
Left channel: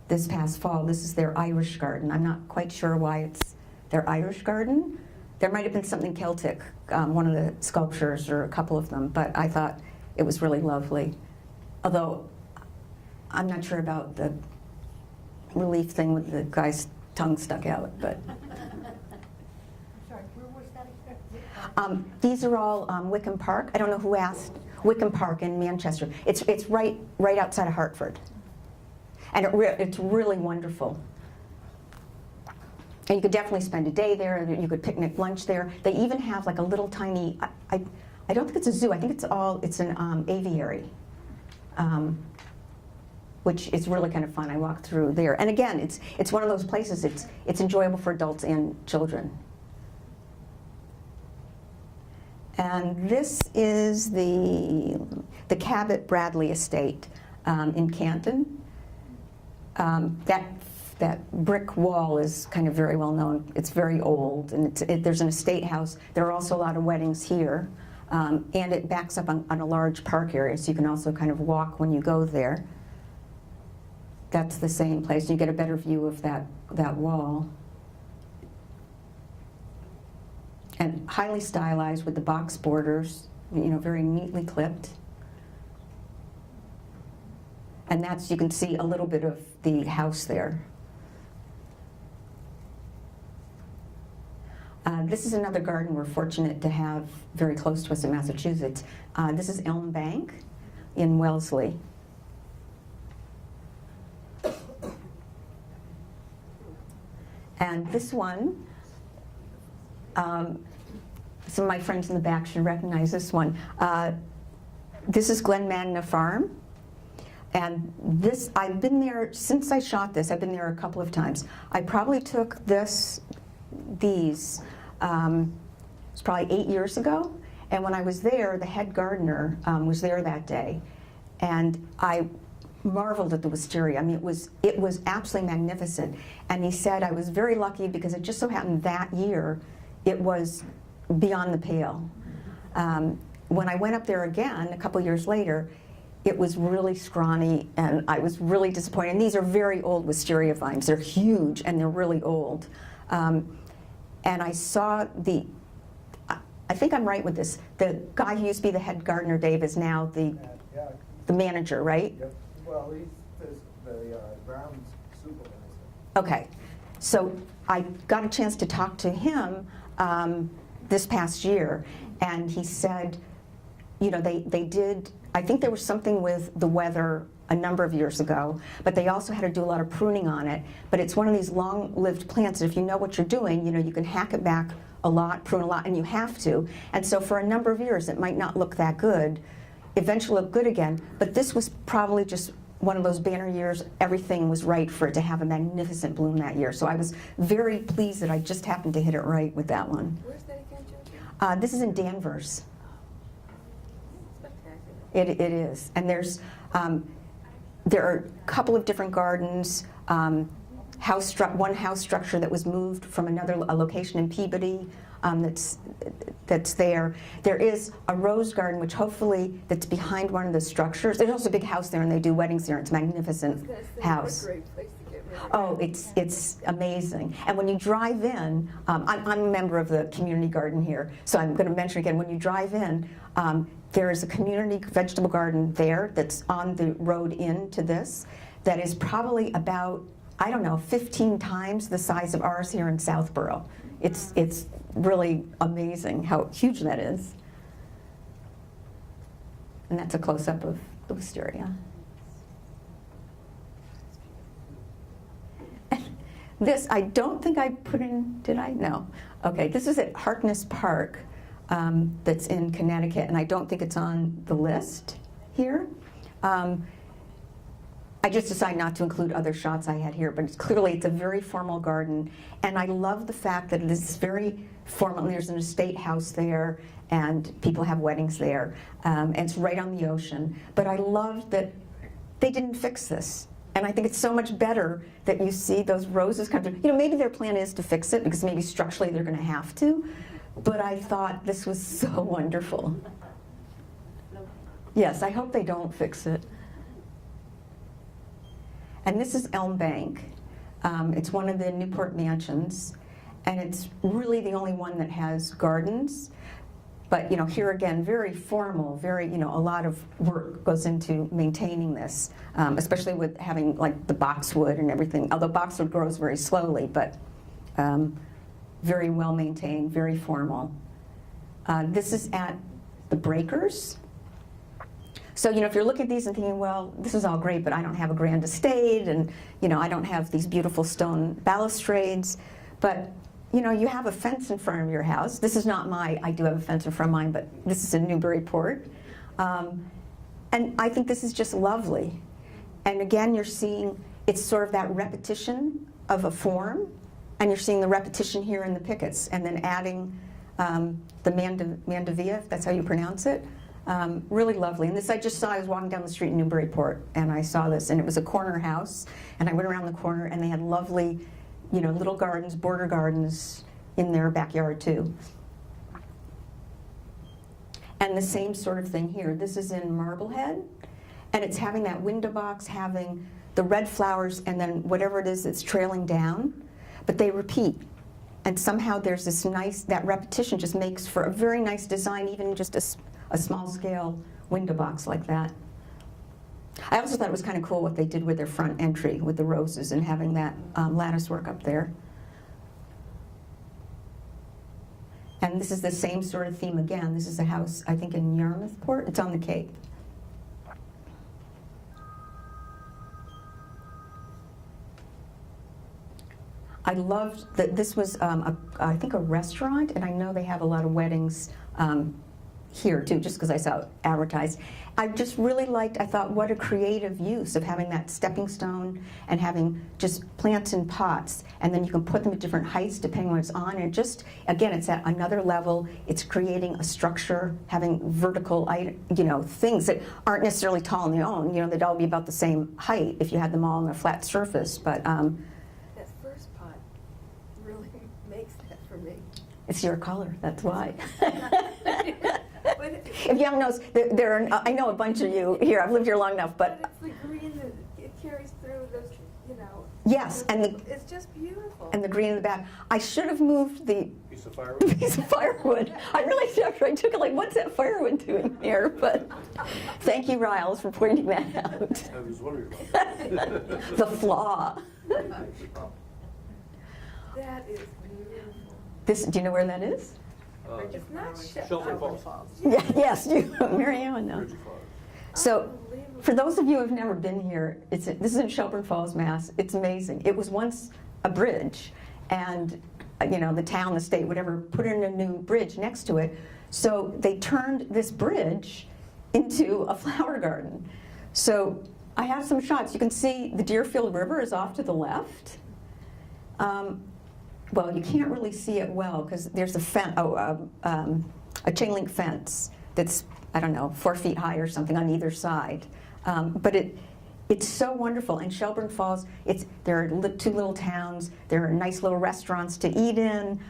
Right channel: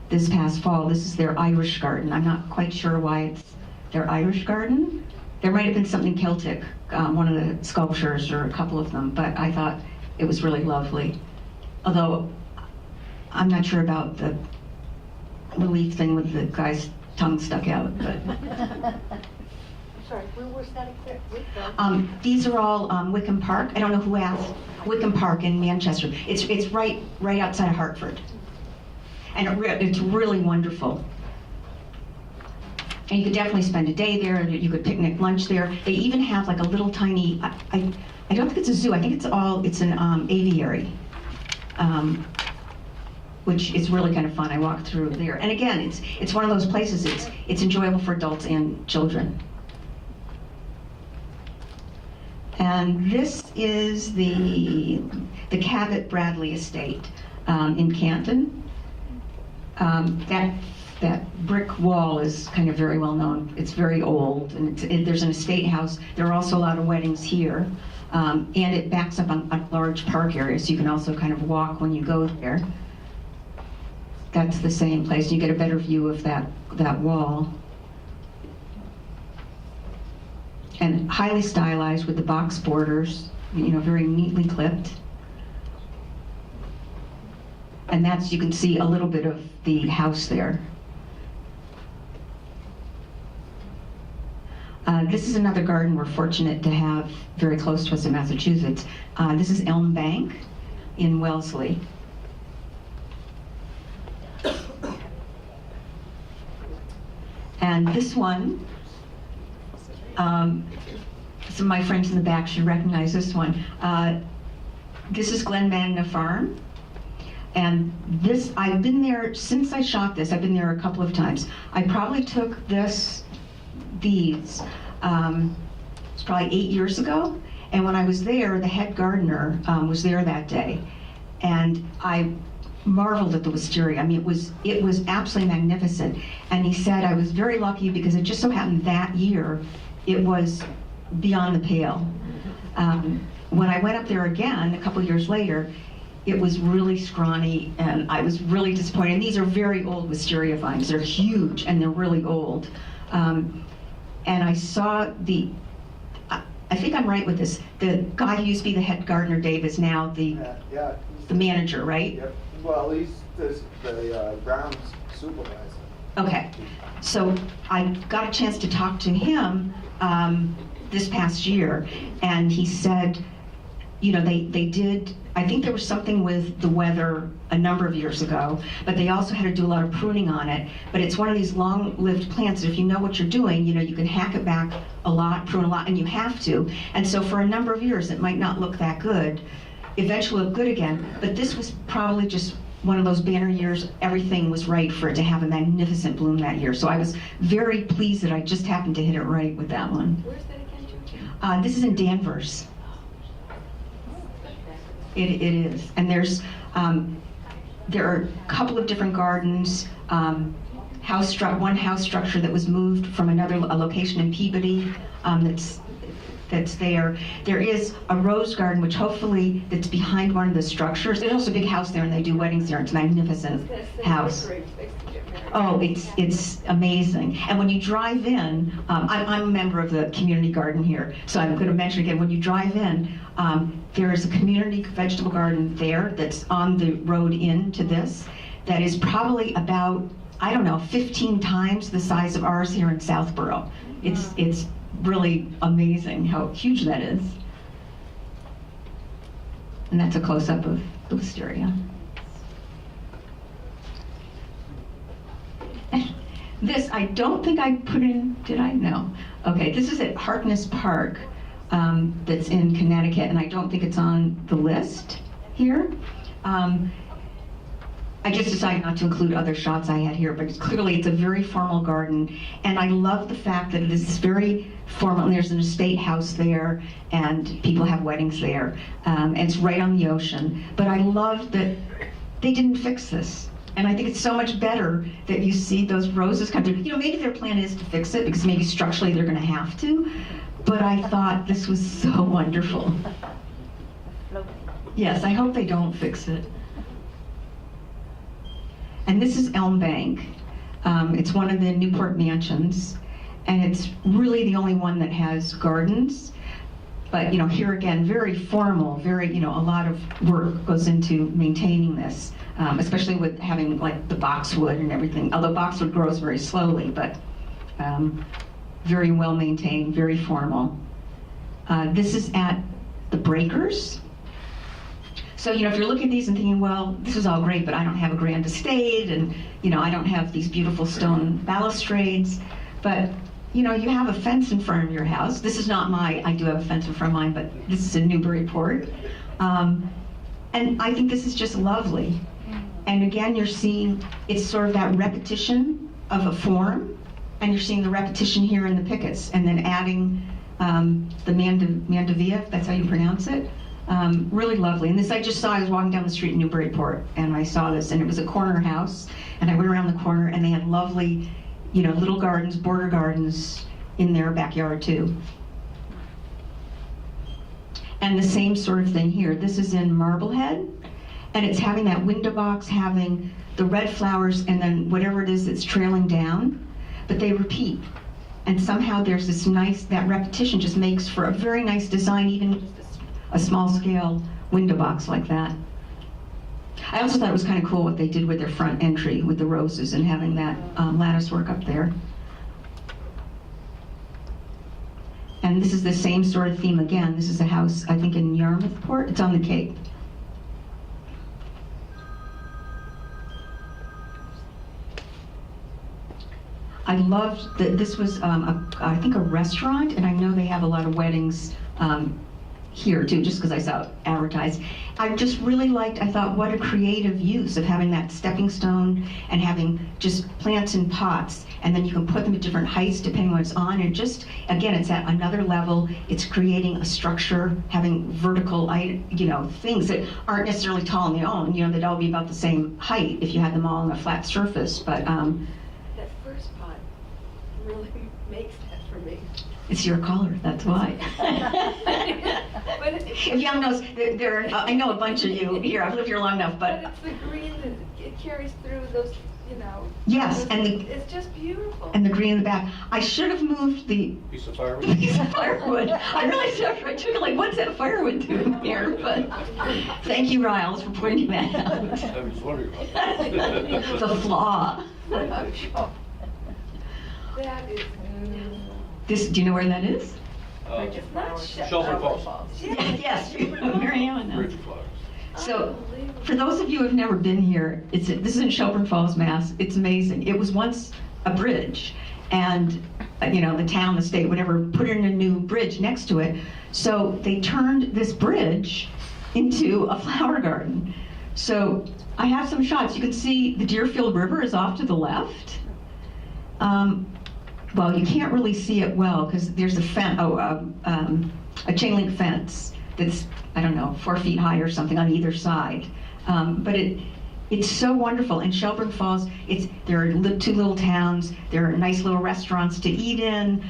this past fall. This is their Irish garden. I'm not quite sure why it's their Irish garden. There might have been something Celtic, one of the sculptures or a couple of them, but I thought it was really lovely. Although, I'm not sure about the relief thing with the guy's tongue stuck out, but. Sorry, where was that equipped? These are all Wycombe Park. I don't know who asked. Wycombe Park in Manchester. It's right outside of Hartford, and it's really wonderful. And you could definitely spend a day there, and you could picnic lunch there. They even have like a little tiny. I don't think it's a zoo. I think it's an aviary, which is really kind of fun. I walked through there, and again, it's one of those places. It's enjoyable for adults and children. And this is the Cabot Bradley estate in Canton. That brick wall is kind of very well known. It's very old, and there's an estate house. There are also a lot of weddings here, and it backs up on a large park area, so you can also kind of walk when you go there. That's the same place. You get a better view of that wall. And highly stylized with the box borders, very neatly clipped. And you can see a little bit of the house there. This is another garden we're fortunate to have very close to us in Massachusetts. This is Elm Bank in Wellesley. And this one, some of my friends in the back should recognize this one. This is Glen Magna Farm. And I've been there, since I shot this, I've been there a couple of times. I probably took these, it's probably 8 years ago. And when I was there, the head gardener was there that day. And I marveled at the wisteria. I mean, it was absolutely magnificent. And he said I was very lucky because it just so happened that year, it was beyond the pale. When I went up there again, a couple years later, it was really scrawny, and I was really disappointed. And these are very old wisteria vines. They're huge, and they're really old. And I saw I think I'm right with this. The guy who used to be the head gardener, Dave, is now the manager, right? Yep. Well, he's the grounds supervisor. Okay. So I got a chance to talk to him this past year, and he said, they did, I think there was something with the weather a number of years ago, but they also had to do a lot of pruning on it. But it's one of these long-lived plants, and if you know what you're doing, you can hack it back a lot, prune a lot, and you have to. And so for a number of years, it might not look that good. Eventually look good again, but this was probably just one of those banner years. Everything was right for it to have a magnificent bloom that year. So I was very pleased that I just happened to hit it right with that one. Where's that again, Joe? This is in Danvers. It is, and there are a couple of different gardens. One house structure that was moved from a location in Peabody that's there. There is a rose garden, which hopefully that's behind one of the structures. There's also a big house there, and they do weddings there. It's a magnificent house. Oh, it's amazing. And when you drive in, I'm a member of the community garden here, so I'm going to mention again, when you drive in, there is a community vegetable garden there that's on the road into this that is probably about, 15 times the size of ours here in Southborough. It's really amazing how huge that is. And that's a close-up of the wisteria. This, I don't think I put in, did I? No. Okay, this is at Heartless Park. that's in Connecticut, and I don't think it's on the list here. I just decided not to include other shots I had here, but clearly it's a very formal garden, and I love the fact that it is very formal. There's an estate house there, and people have weddings there, and it's right on the ocean. But I love that they didn't fix this. And I think it's so much better that you see those roses come through. You know, maybe their plan is to fix it, because maybe structurally they're gonna have to, but I thought this was so wonderful. Yes, I hope they don't fix it. And this is Elm Bank. It's one of the Newport mansions, and it's really the only one that has gardens. But you know, here again, very formal, very, you know, a lot of work goes into maintaining this, especially with having like the boxwood and everything. Although boxwood grows very slowly, but very well maintained, very formal. This is at the Breakers. So, you know, if you're looking at these and thinking, well, this is all great, but I don't have a grand estate, and, you know, I don't have these beautiful stone balustrades, but, you know, you have a fence in front of your house. This is not I do have a fence in front of mine, but this is in Newburyport. And I think this is just lovely. And again, you're seeing, it's sort of that repetition of a form, and you're seeing the repetition here in the pickets, and then adding the Mandevilla, if that's how you pronounce it. Really lovely. And this I just saw, I was walking down the street in Newburyport, and I saw this, and it was a corner house, and I went around the corner, and they had lovely, you know, little gardens, border gardens in their backyard too. And the same sort of thing here. This is in Marblehead, and it's having that window box, having the red flowers, and then whatever it is that's trailing down, but they repeat. And somehow there's this nice, that repetition just makes for a very nice design, even just a small scale window box like that. I also thought it was kind of cool what they did with their front entry with the roses and having that lattice work up there. And this is the same sort of theme again. This is a house, I think, in Yarmouthport. It's on the Cape. I loved that this was, I think, a restaurant, and I know they have a lot of weddings here too, just because I saw it advertised. I just really liked, I thought, what a creative use of having that stepping stone and having just plants in pots, and then you can put them at different heights depending on what it's on, and just, again, it's at another level. It's creating a structure, having vertical, you know, things that aren't necessarily tall on their own. You know, they'd all be about the same height if you had them all on a flat surface, but That first pot really makes that for me. it's your color, that's why. But it's, If you haven't noticed, I know a bunch of you here, I've lived here long enough, but but it's the green that it carries through those, you know. yes, and It's just beautiful. the green in the back. I should have moved the Piece of firewood. piece of firewood. I really should have. I took it like, what's that firewood doing here? But thank you, Riles, for pointing that out. I was wondering about that. The flaw. That is, This, do you know where that is? it's not Shelburne Falls. Yeah, yes, Mary Ellen knows. Bridge of Flowers. So, for those of you who've never been here, this is in Shelburne Falls, Mass. It's amazing. It was once a bridge, and you know, the town, the state, whatever, put in a new bridge next to it. So they turned this bridge into a flower garden. So I have some shots. You can see the Deerfield River is off to the left. Well, you can't really see it well because there's a fence, a chain link fence that's, I don't know, 4 feet high or something on either side. But it's so wonderful. In Shelburne Falls, there are two little towns. There are nice little restaurants to eat in.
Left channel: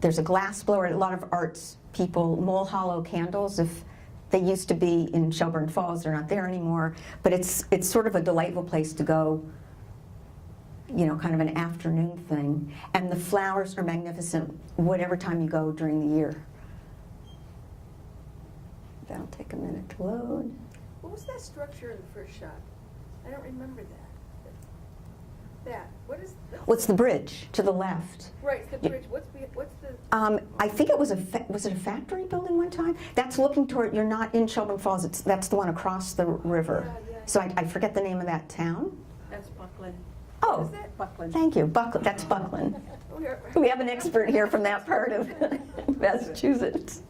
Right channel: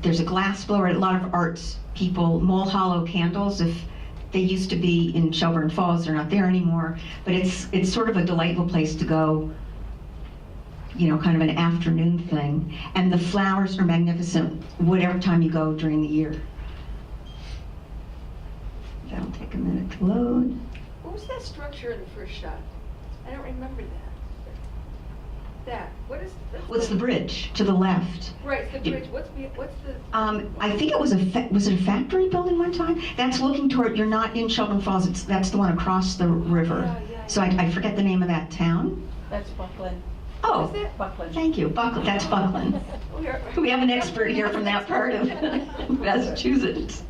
There's a glass blower. A lot of arts people, Mole Hollow candles. If they used to be in Shelburne Falls, they're not there anymore. But it's sort of a delightful place to go. You know, kind of an afternoon thing. And the flowers are magnificent whatever time you go during the year. That'll take a minute to load. what was that structure in the first shot? I don't remember that. What is the? What's the bridge to the left? Right, the bridge, what's the? I think it was was it a factory building one time? That's looking toward, you're not in Shelburne Falls, that's the one across the river. Yeah. So I forget the name of that town. That's Buckland. Oh, Is that? Buckland. thank you, That's Buckland. We are. We have an expert here from that part of Massachusetts.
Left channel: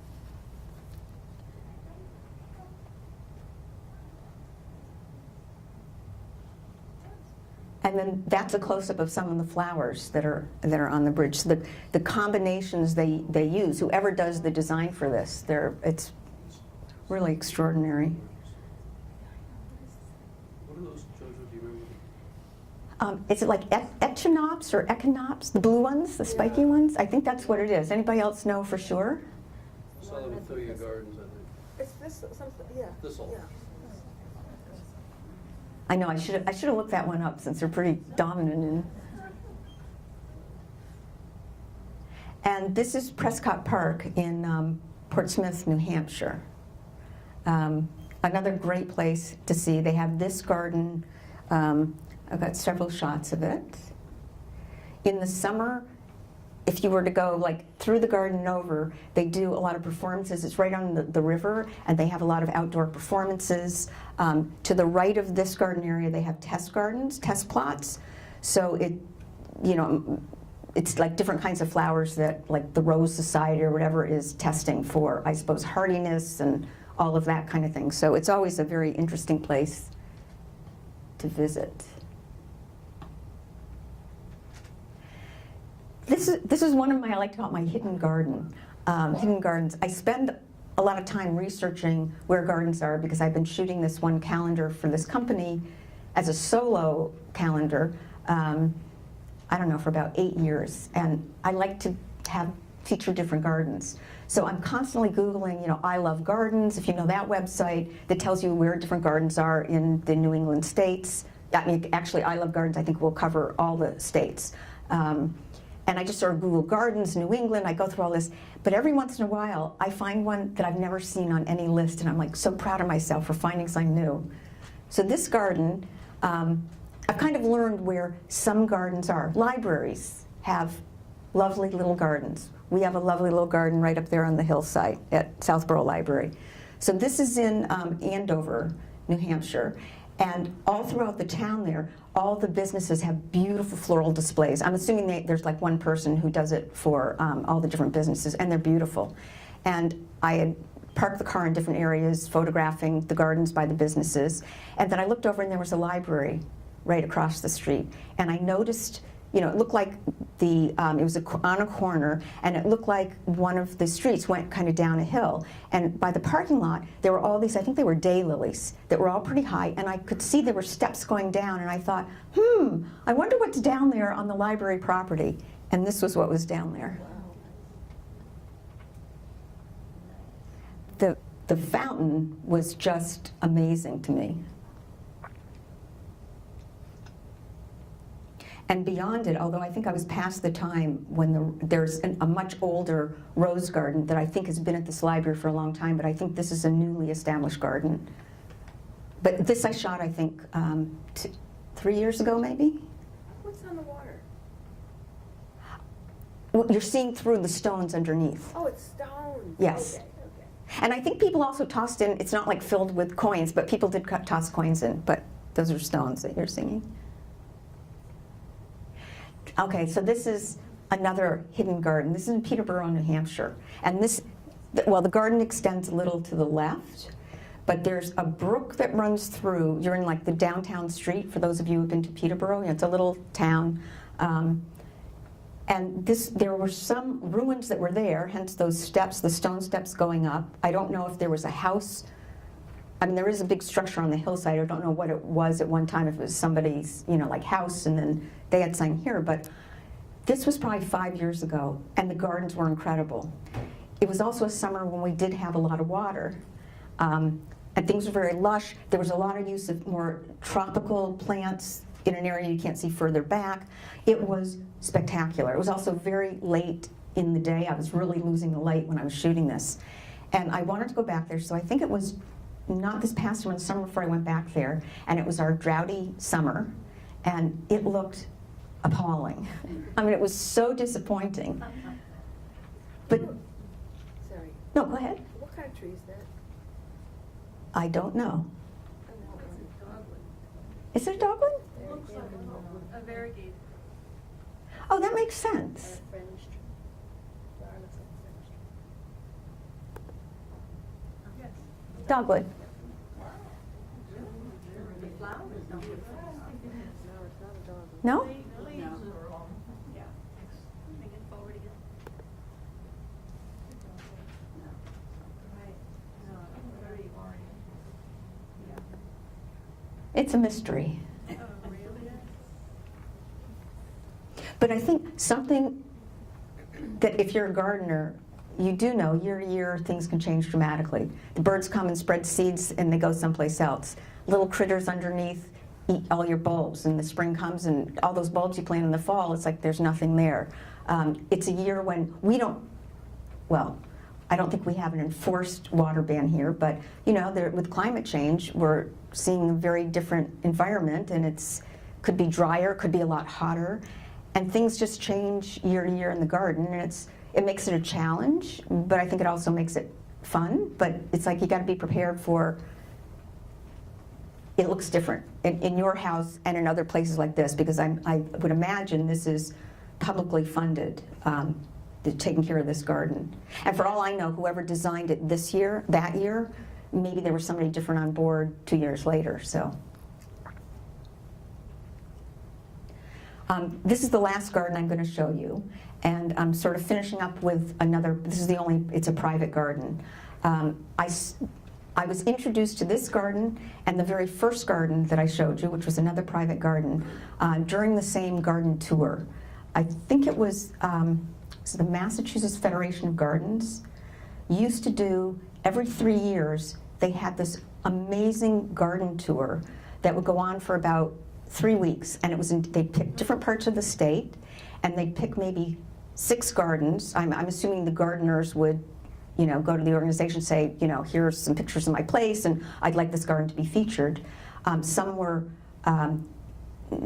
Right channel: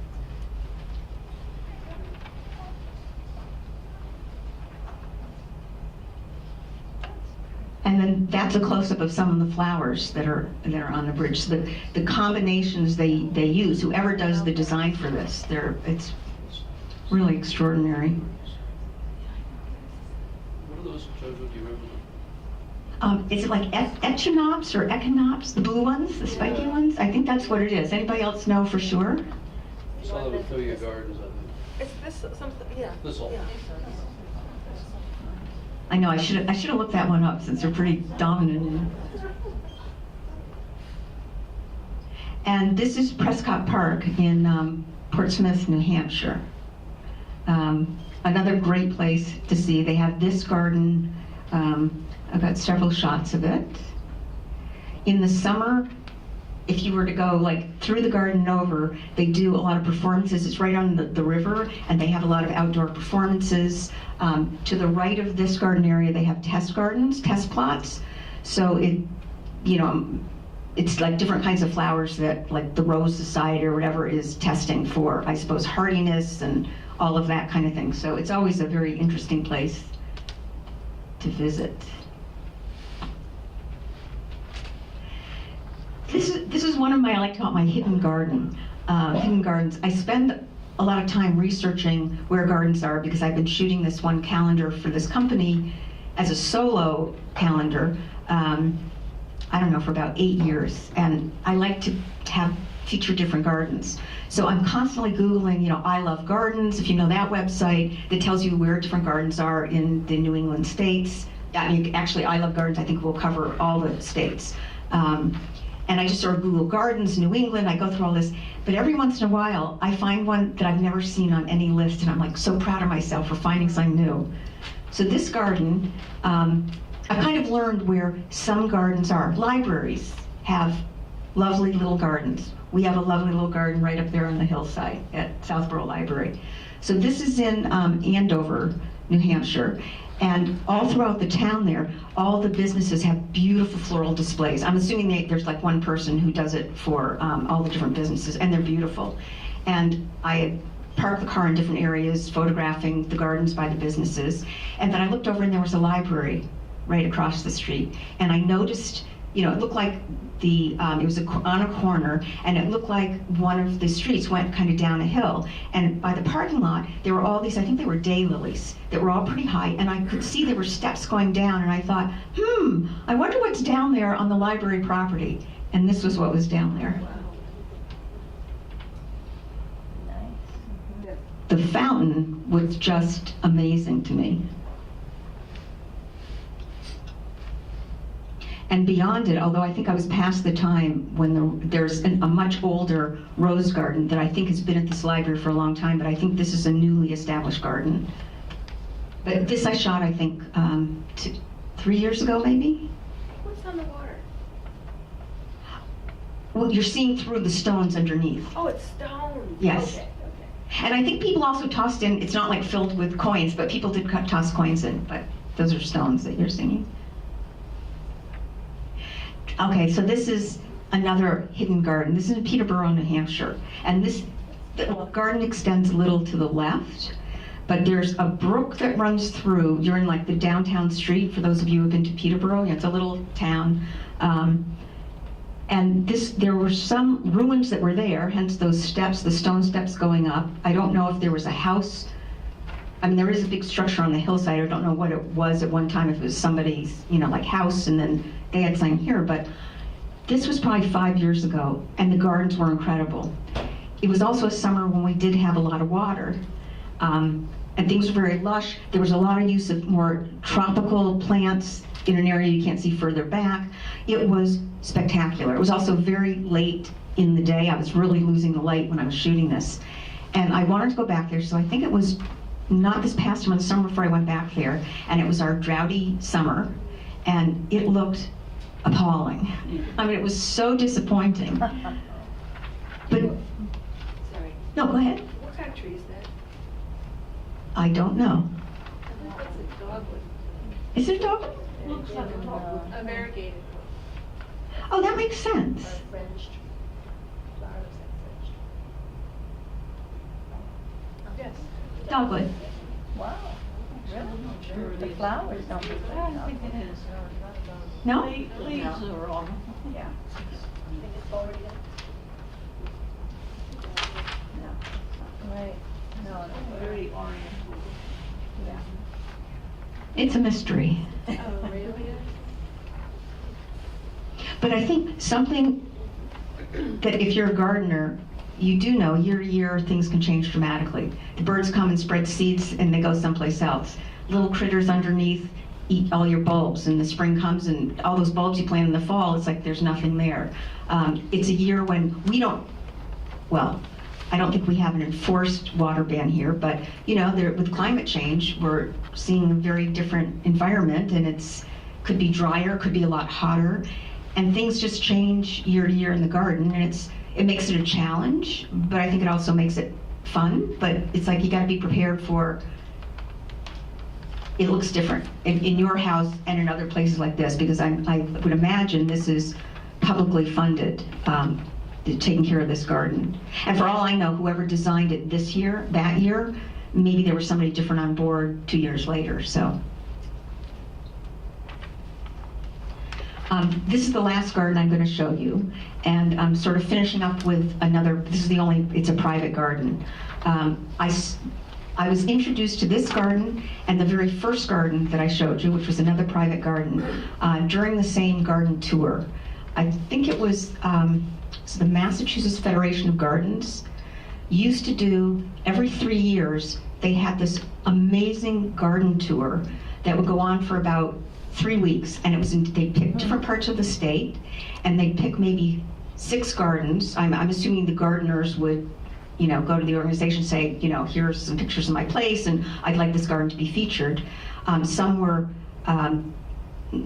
And then that's a close-up of some of the flowers that are on the bridge. So the combinations they use, whoever does the design for this, it's really extraordinary. What are those, Jojo, do you remember? Is it like echinops or echinops, the blue ones, the spiky ones? I think that's what it is. Anybody else know for sure? I saw them in Philly Gardens, I think. Is this something, yeah. This all. Yeah. I know, I should have looked that one up since they're pretty dominant. And this is Prescott Park in Portsmouth, New Hampshire. Another great place to see. They have this garden. I've got several shots of it. In the summer, if you were to go like through the garden and over, they do a lot of performances. It's right on the river, and they have a lot of outdoor performances. To the right of this garden area, they have test gardens, test plots. So it's like different kinds of flowers that, like the Rose Society or whatever is testing for, I suppose, hardiness and all of that kind of thing. So it's always a very interesting place to visit. This is one of my, I like to call it my hidden garden, hidden gardens. I spend a lot of time researching where gardens are because I've been shooting this one calendar for this company as a solo calendar, I don't know, for about 8 years. And I like to feature different gardens. So I'm constantly Googling, I Love Gardens, if you know that website, that tells you where different gardens are in the New England states. I mean, actually, I Love Gardens, I think will cover all the states. And I just sort of Google gardens, New England, I go through all this. But every once in a while, I find one that I've never seen on any list, and I'm like so proud of myself for finding something new. So this garden, I've kind of learned where some gardens are. Libraries have lovely little gardens. We have a lovely little garden right up there on the hillside at Southborough Library. So this is in Andover, New Hampshire. And all throughout the town there, all the businesses have beautiful floral displays. I'm assuming there's like one person who does it for all the different businesses, and they're beautiful. And I had parked the car in different areas, photographing the gardens by the businesses. And then I looked over and there was a library right across the street. And I noticed, it looked like it was on a corner, and it looked like one of the streets went kind of down a hill. And by the parking lot, there were all these, I think they were daylilies, that were all pretty high, and I could see there were steps going down, and I thought, I wonder what's down there on the library property. And this was what was down there. The fountain was just amazing to me. And beyond it, although I think I was past the time when there's a much older rose garden that I think has been at this library for a long time, but I think this is a newly established garden. But this I shot, I think, 3 years ago, maybe? What's on the water? Well, you're seeing through the stones underneath. Oh, it's stone. Yes. Okay. And I think people also tossed in, it's not like filled with coins, but people did toss coins in, but those are stones that you're seeing. Okay, so this is another hidden garden. This is in Peterborough, New Hampshire. And the garden extends a little to the left, but there's a brook that runs through. You're in like the downtown street, for those of you who've been to Peterborough. It's a little town. And there were some ruins that were there, hence those steps, the stone steps going up. I don't know if there was a house. I mean, there is a big structure on the hillside. I don't know what it was at one time, if it was somebody's, like house, and then they had something here, but this was probably 5 years ago, and the gardens were incredible. It was also a summer when we did have a lot of water, and things were very lush. There was a lot of use of more tropical plants in an area you can't see further back. It was spectacular. It was also very late in the day. I was really losing the light when I was shooting this, and I wanted to go back there, so I think it was not this past one, the summer before I went back there, and it was our droughty summer, and it looked appalling. I mean, it was so disappointing. But, Sorry. no, go ahead. What kind of tree is that? I don't know. I think that's a dogwood. Is it a dogwood? Looks like a dogwood. A variegated. Oh, that makes sense. French tree. Flower looks like French tree. Yes. Dogwood. Wow. Really? The flowers don't look like that. No? Leaves are on. Yeah. They just forwarded it. Right. No, it's very orange. It's a mystery. Oh, really? But I think something that if you're a gardener, you do know year to year things can change dramatically. The birds come and spread seeds and they go someplace else. Little critters underneath eat all your bulbs, and the spring comes and all those bulbs you plant in the fall, it's like there's nothing there. It's a year when we don't, well, I don't think we have an enforced water ban here, but with climate change, we're seeing a very different environment, and could be drier, could be a lot hotter, and things just change year to year in the garden, and it makes it a challenge, but I think it also makes it fun. But it's like you got to be prepared for it looks different in your house and in other places like this, because I would imagine this is publicly funded. Taking care of this garden. And for all I know, whoever designed it that year, maybe there was somebody different on board 2 years later, so. This is the last garden I'm going to show you, and I'm sort of finishing up with another, it's a private garden. I was introduced to this garden and the very first garden that I showed you, which was another private garden, during the same garden tour. I think it was the Massachusetts Federation of Gardens used to do, every 3 years, they had this amazing garden tour that would go on for about 3 weeks, and they'd pick different parts of the state, and they'd pick maybe 6 gardens. I'm assuming the gardeners would, go to the organization and say, here's some pictures of my place, and I'd like this garden to be featured. Some were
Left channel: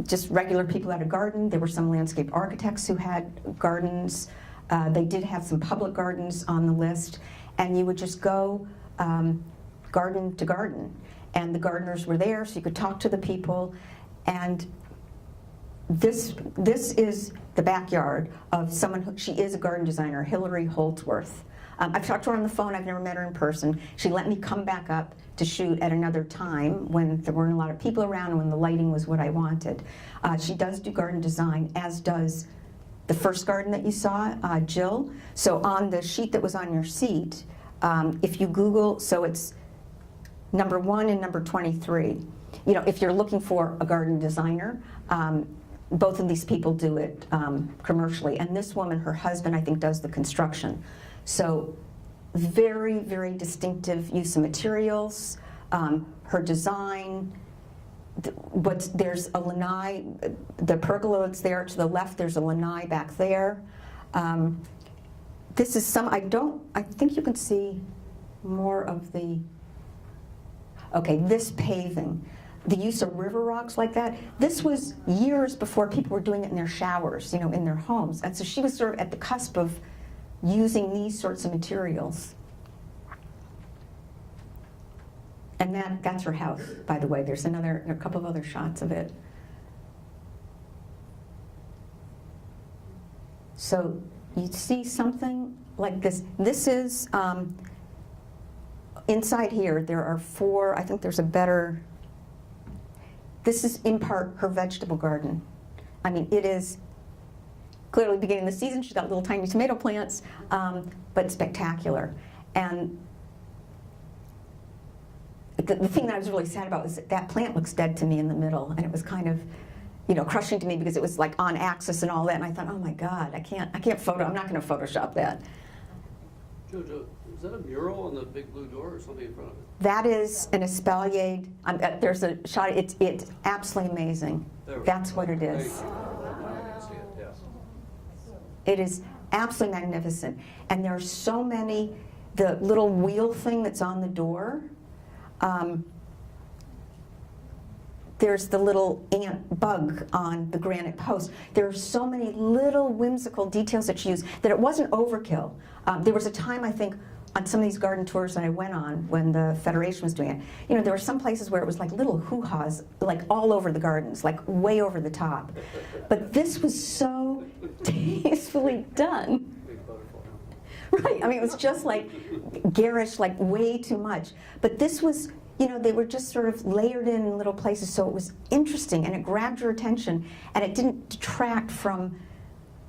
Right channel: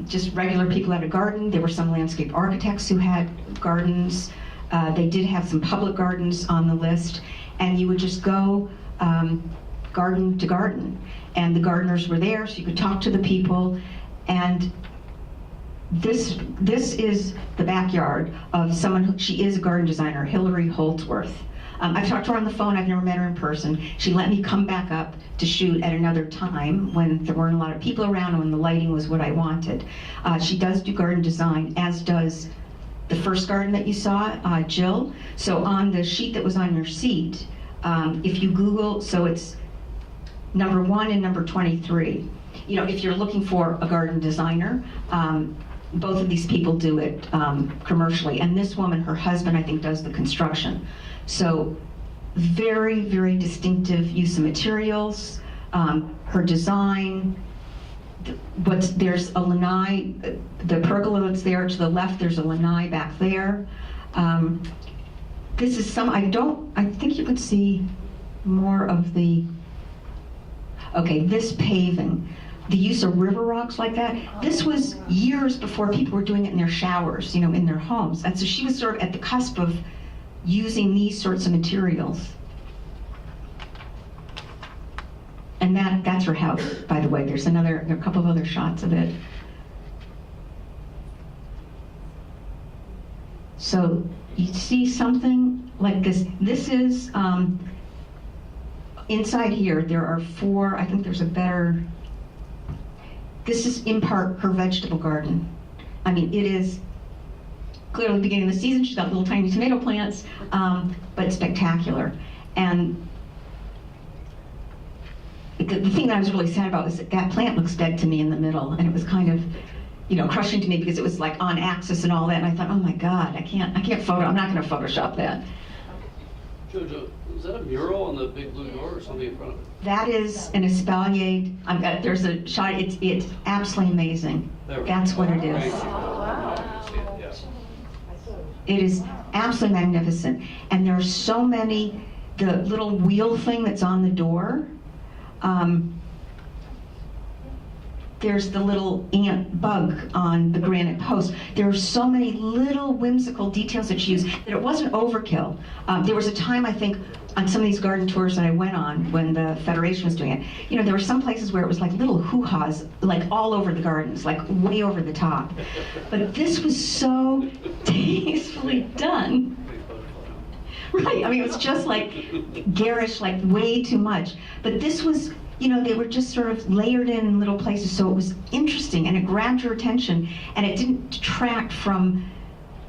just regular people who had a garden. There were some landscape architects who had gardens. They did have some public gardens on the list, and you would just go garden to garden. And the gardeners were there, so you could talk to the people. And this is the backyard of someone she is a garden designer, Hilary Holdsworth. I've talked to her on the phone, I've never met her in person. She let me come back up to shoot at another time when there weren't a lot of people around and when the lighting was what I wanted. She does do garden design, as does the first garden that you saw, Jill. So on the sheet that was on your seat, if you Google, so it's number 1 and number 23. If you're looking for a garden designer, both of these people do it commercially. And this woman, her husband, I think, does the construction. So very, very distinctive use of materials, her design. But there's a lanai, the pergola that's there to the left, there's a lanai back there. This is I think you could see more of this paving. The use of river rocks like that. This was years before people were doing it in their showers, in their homes. And so she was sort of at the cusp of using these sorts of materials. And that's her house, by the way. There's a couple of other shots of it. So you see something like this. This is, inside here, there are 4, I think there's a better, this is in part her vegetable garden. I mean, it is clearly the beginning of the season. She's got little tiny tomato plants, but it's spectacular. And the thing that I was really sad about was that plant looks dead to me in the middle, and it was kind of, crushing to me because it was like on axis and all that. And I thought, oh my God, I can't I'm not going to Photoshop that. Jojo, is that a mural on the big blue door or something in front of it? That is an espalier. There's a shot. It's absolutely amazing. That's what it is. It is absolutely magnificent. And there are so many, the little wheel thing that's on the door, there's the little ant bug on the granite post. There are so many little whimsical details that she used that it wasn't overkill. There was a time, I think, on some of these garden tours that I went on when the Federation was doing it, there were some places where it was like little hoo-haws, like all over the gardens, like way over the top. But this was so tastefully done. Right, I mean, it was just like garish, like way too much. But this was you know, they were just sort of layered in little places, so it was interesting and it grabbed your attention, and it didn't detract from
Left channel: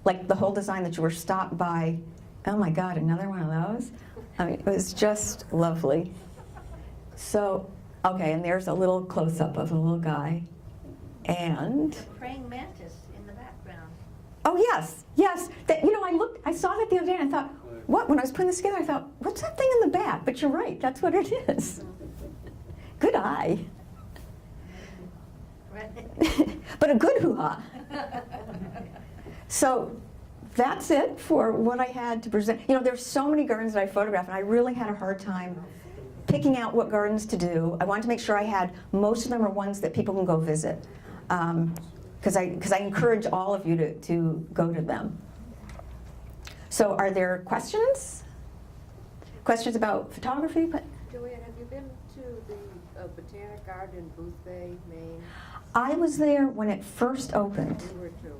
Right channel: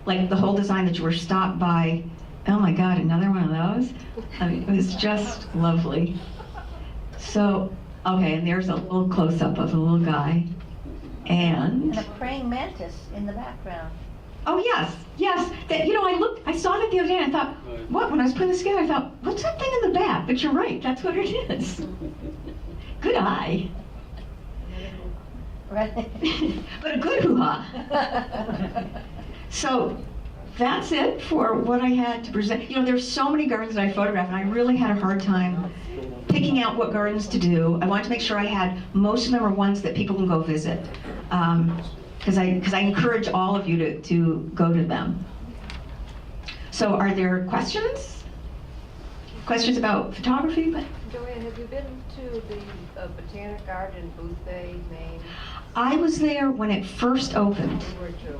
like the whole design that you were stopped by, oh my God, another one of those? I mean, it was just lovely. So, okay, and there's a little close-up of a little guy. And And a praying mantis in the background. oh yes, yes. That, you know, I saw it the other day and I thought, what? When I was putting this together, I thought, what's that thing in the back? But you're right, that's what it is. Good eye. Right. But a good hoo-ha. So that's it for what I had to present. You know, there's so many gardens that I photographed, and I really had a hard time picking out what gardens to do. I wanted to make sure I had, most of them are ones that people can go visit. Because I encourage all of you to go to them. So are there questions? Questions about photography? Joanne, have you been to the Botanic Garden in Booth Bay, Maine? I was there when it first opened, We were too.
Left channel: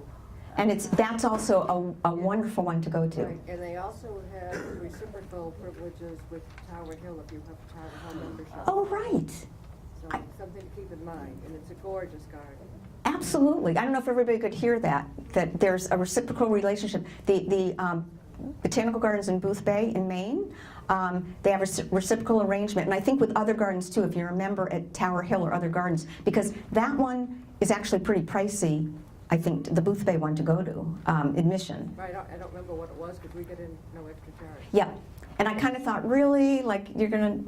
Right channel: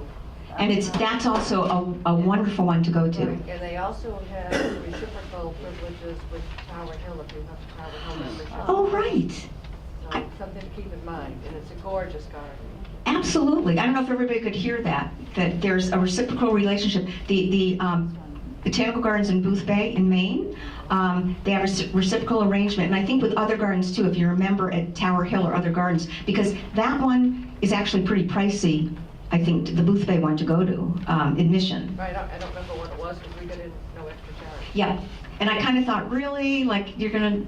and that's also a wonderful one to go to. And they also have reciprocal privileges with Tower Hill if you have a Tower Hill membership. Oh, right. So something to keep in mind, and it's a gorgeous garden. Absolutely. I don't know if everybody could hear that there's a reciprocal relationship. The Botanical Gardens in Booth Bay in Maine, they have a reciprocal arrangement, and I think with other gardens too, if you remember at Tower Hill or other gardens, because that one is actually pretty pricey, I think, the Booth Bay one to go to, admission. Right, I don't remember what it was, because we got in no extra charge. Yeah, and I kind of thought, really, like you're gonna,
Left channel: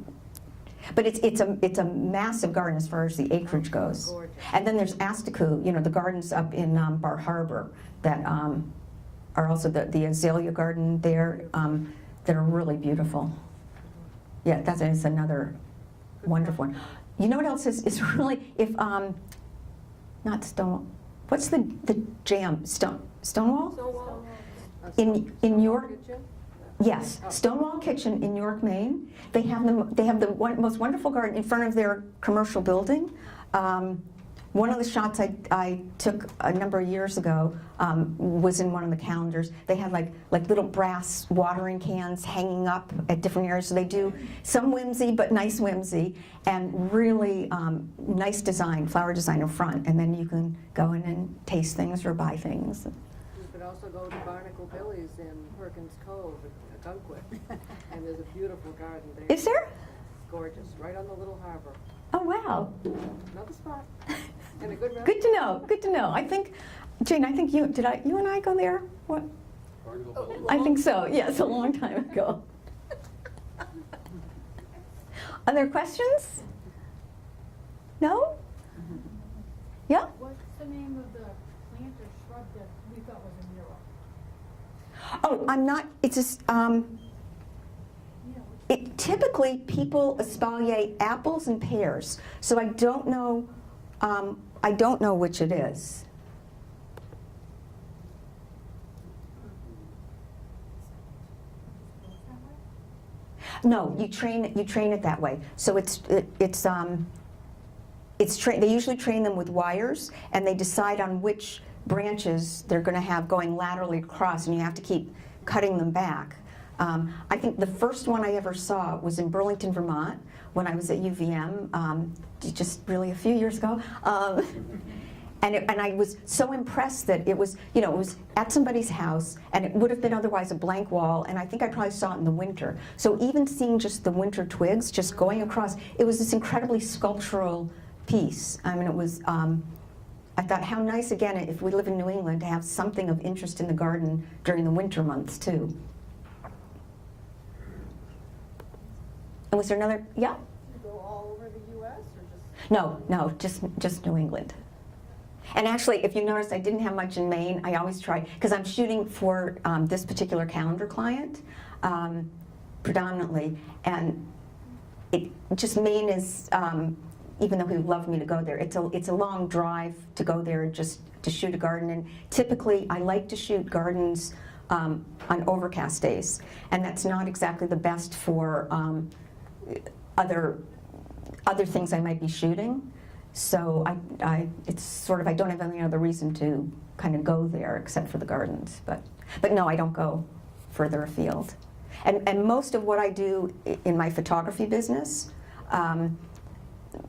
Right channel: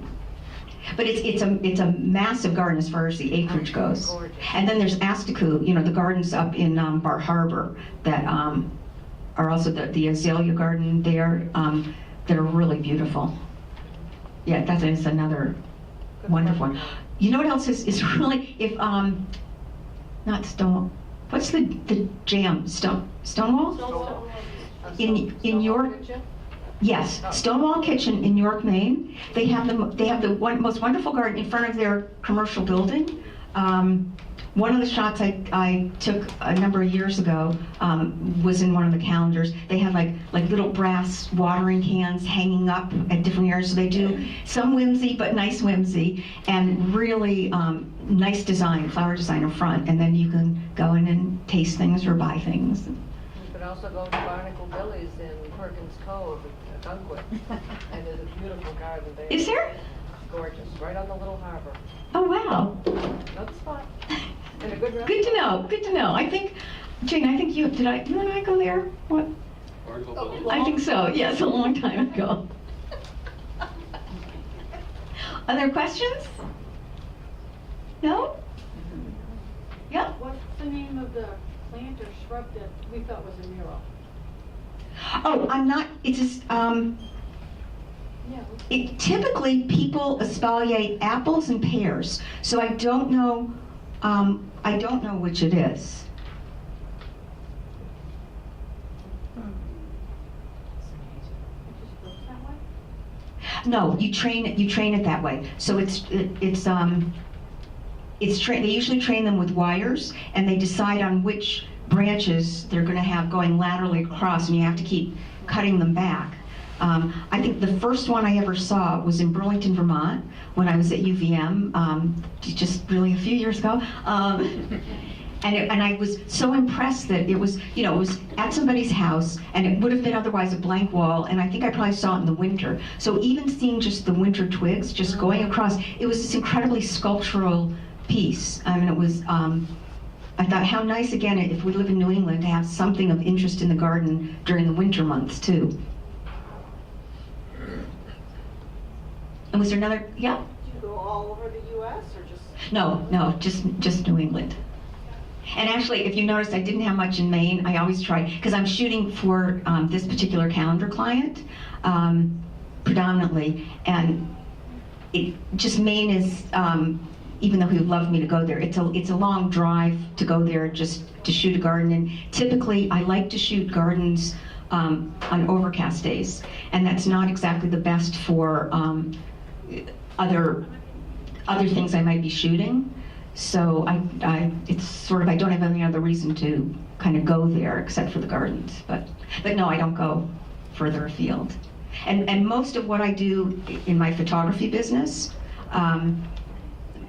but it's a massive garden as far as the acreage goes. Gorgeous. And then there's Astiku, you know, the gardens up in Bar Harbor that are also the azalea garden there that are really beautiful. Yeah, that is another wonderful one. You know what else is really, if not Stonewall, what's the jam, Stonewall? In York. Yes, Stonewall Kitchen in York, Maine. They have the most wonderful garden in front of their commercial building. One of the shots I took a number of years ago was in one of the calendars. They had like little brass watering cans hanging up at different areas. So they do some whimsy, but nice whimsy, and really nice design, flower design in front. And then you can go in and taste things or buy things. You could also go to Barnacle Billy's in Perkins Cove, Gunquit, and there's a beautiful garden there. Is there? Gorgeous, right on the little harbor. Oh, wow. Another spot. And a good restaurant. Good to know, good to know. I think, Jane, I think you and I go there? What? Barnacle Billy? I think so, yes, a long time ago. Are there questions? No? Yeah? What's the name of the plant or shrub that we thought was a mural? Oh, I'm not, it's just, Yeah. typically people espaliate apples and pears, so I don't know which it is. It just grows that way? No, you train it that way. So they usually train them with wires, and they decide on which branches they're going to have going laterally across, and you have to keep cutting them back. I think the first one I ever saw was in Burlington, Vermont, when I was at UVM, just really a few years ago. And I was so impressed that it was at somebody's house, and it would have been otherwise a blank wall, and I think I probably saw it in the winter. So even seeing just the winter twigs just going across, it was this incredibly sculptural piece. I mean, it was, I thought how nice, again, if we live in New England, to have something of interest in the garden during the winter months, too. And was there another, yeah? Did you go all over the US or just? No, just New England. And actually, if you noticed, I didn't have much in Maine. I always try, because I'm shooting for this particular calendar client, predominantly, and Maine is, even though he would love me to go there, it's a long drive to go there just to shoot a garden. And typically, I like to shoot gardens on overcast days, and that's not exactly the best for other things I might be shooting. So it's sort of, I don't have any other reason to kind of go there except for the gardens. But no, I don't go further afield. And most of what I do in my photography business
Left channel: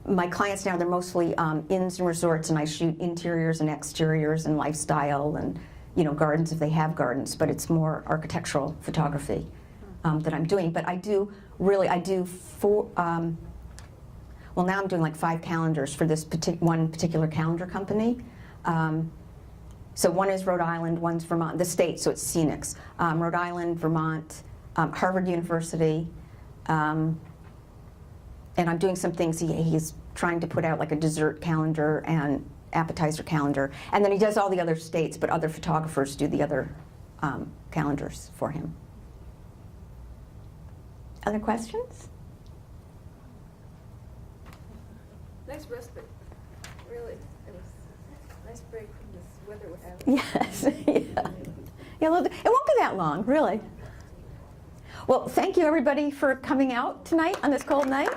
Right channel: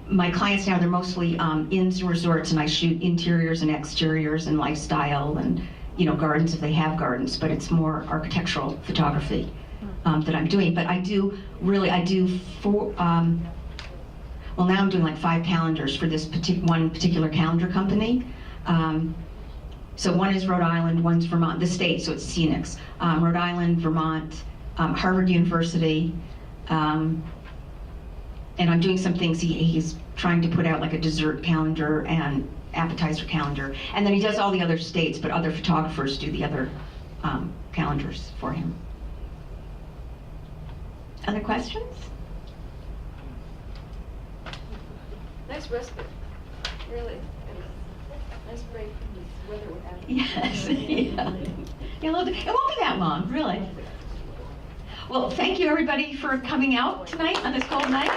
my clients now, they're mostly inns and resorts, and I shoot interiors and exteriors and lifestyle and, gardens if they have gardens, but it's more architectural photography that I'm doing. But I do four, well, now I'm doing like 5 calendars for this one particular calendar company. So one is Rhode Island, one's Vermont, the state, so it's scenics. Rhode Island, Vermont, Harvard University, and I'm doing some things. He's trying to put out like a dessert calendar and appetizer calendar, and then he does all the other states, but other photographers do the other calendars for him. Other questions? Nice respite, really. Nice break from this weather we're having. Yes. Yeah, it won't be that long, really. Well, thank you everybody for coming out tonight on this cold night.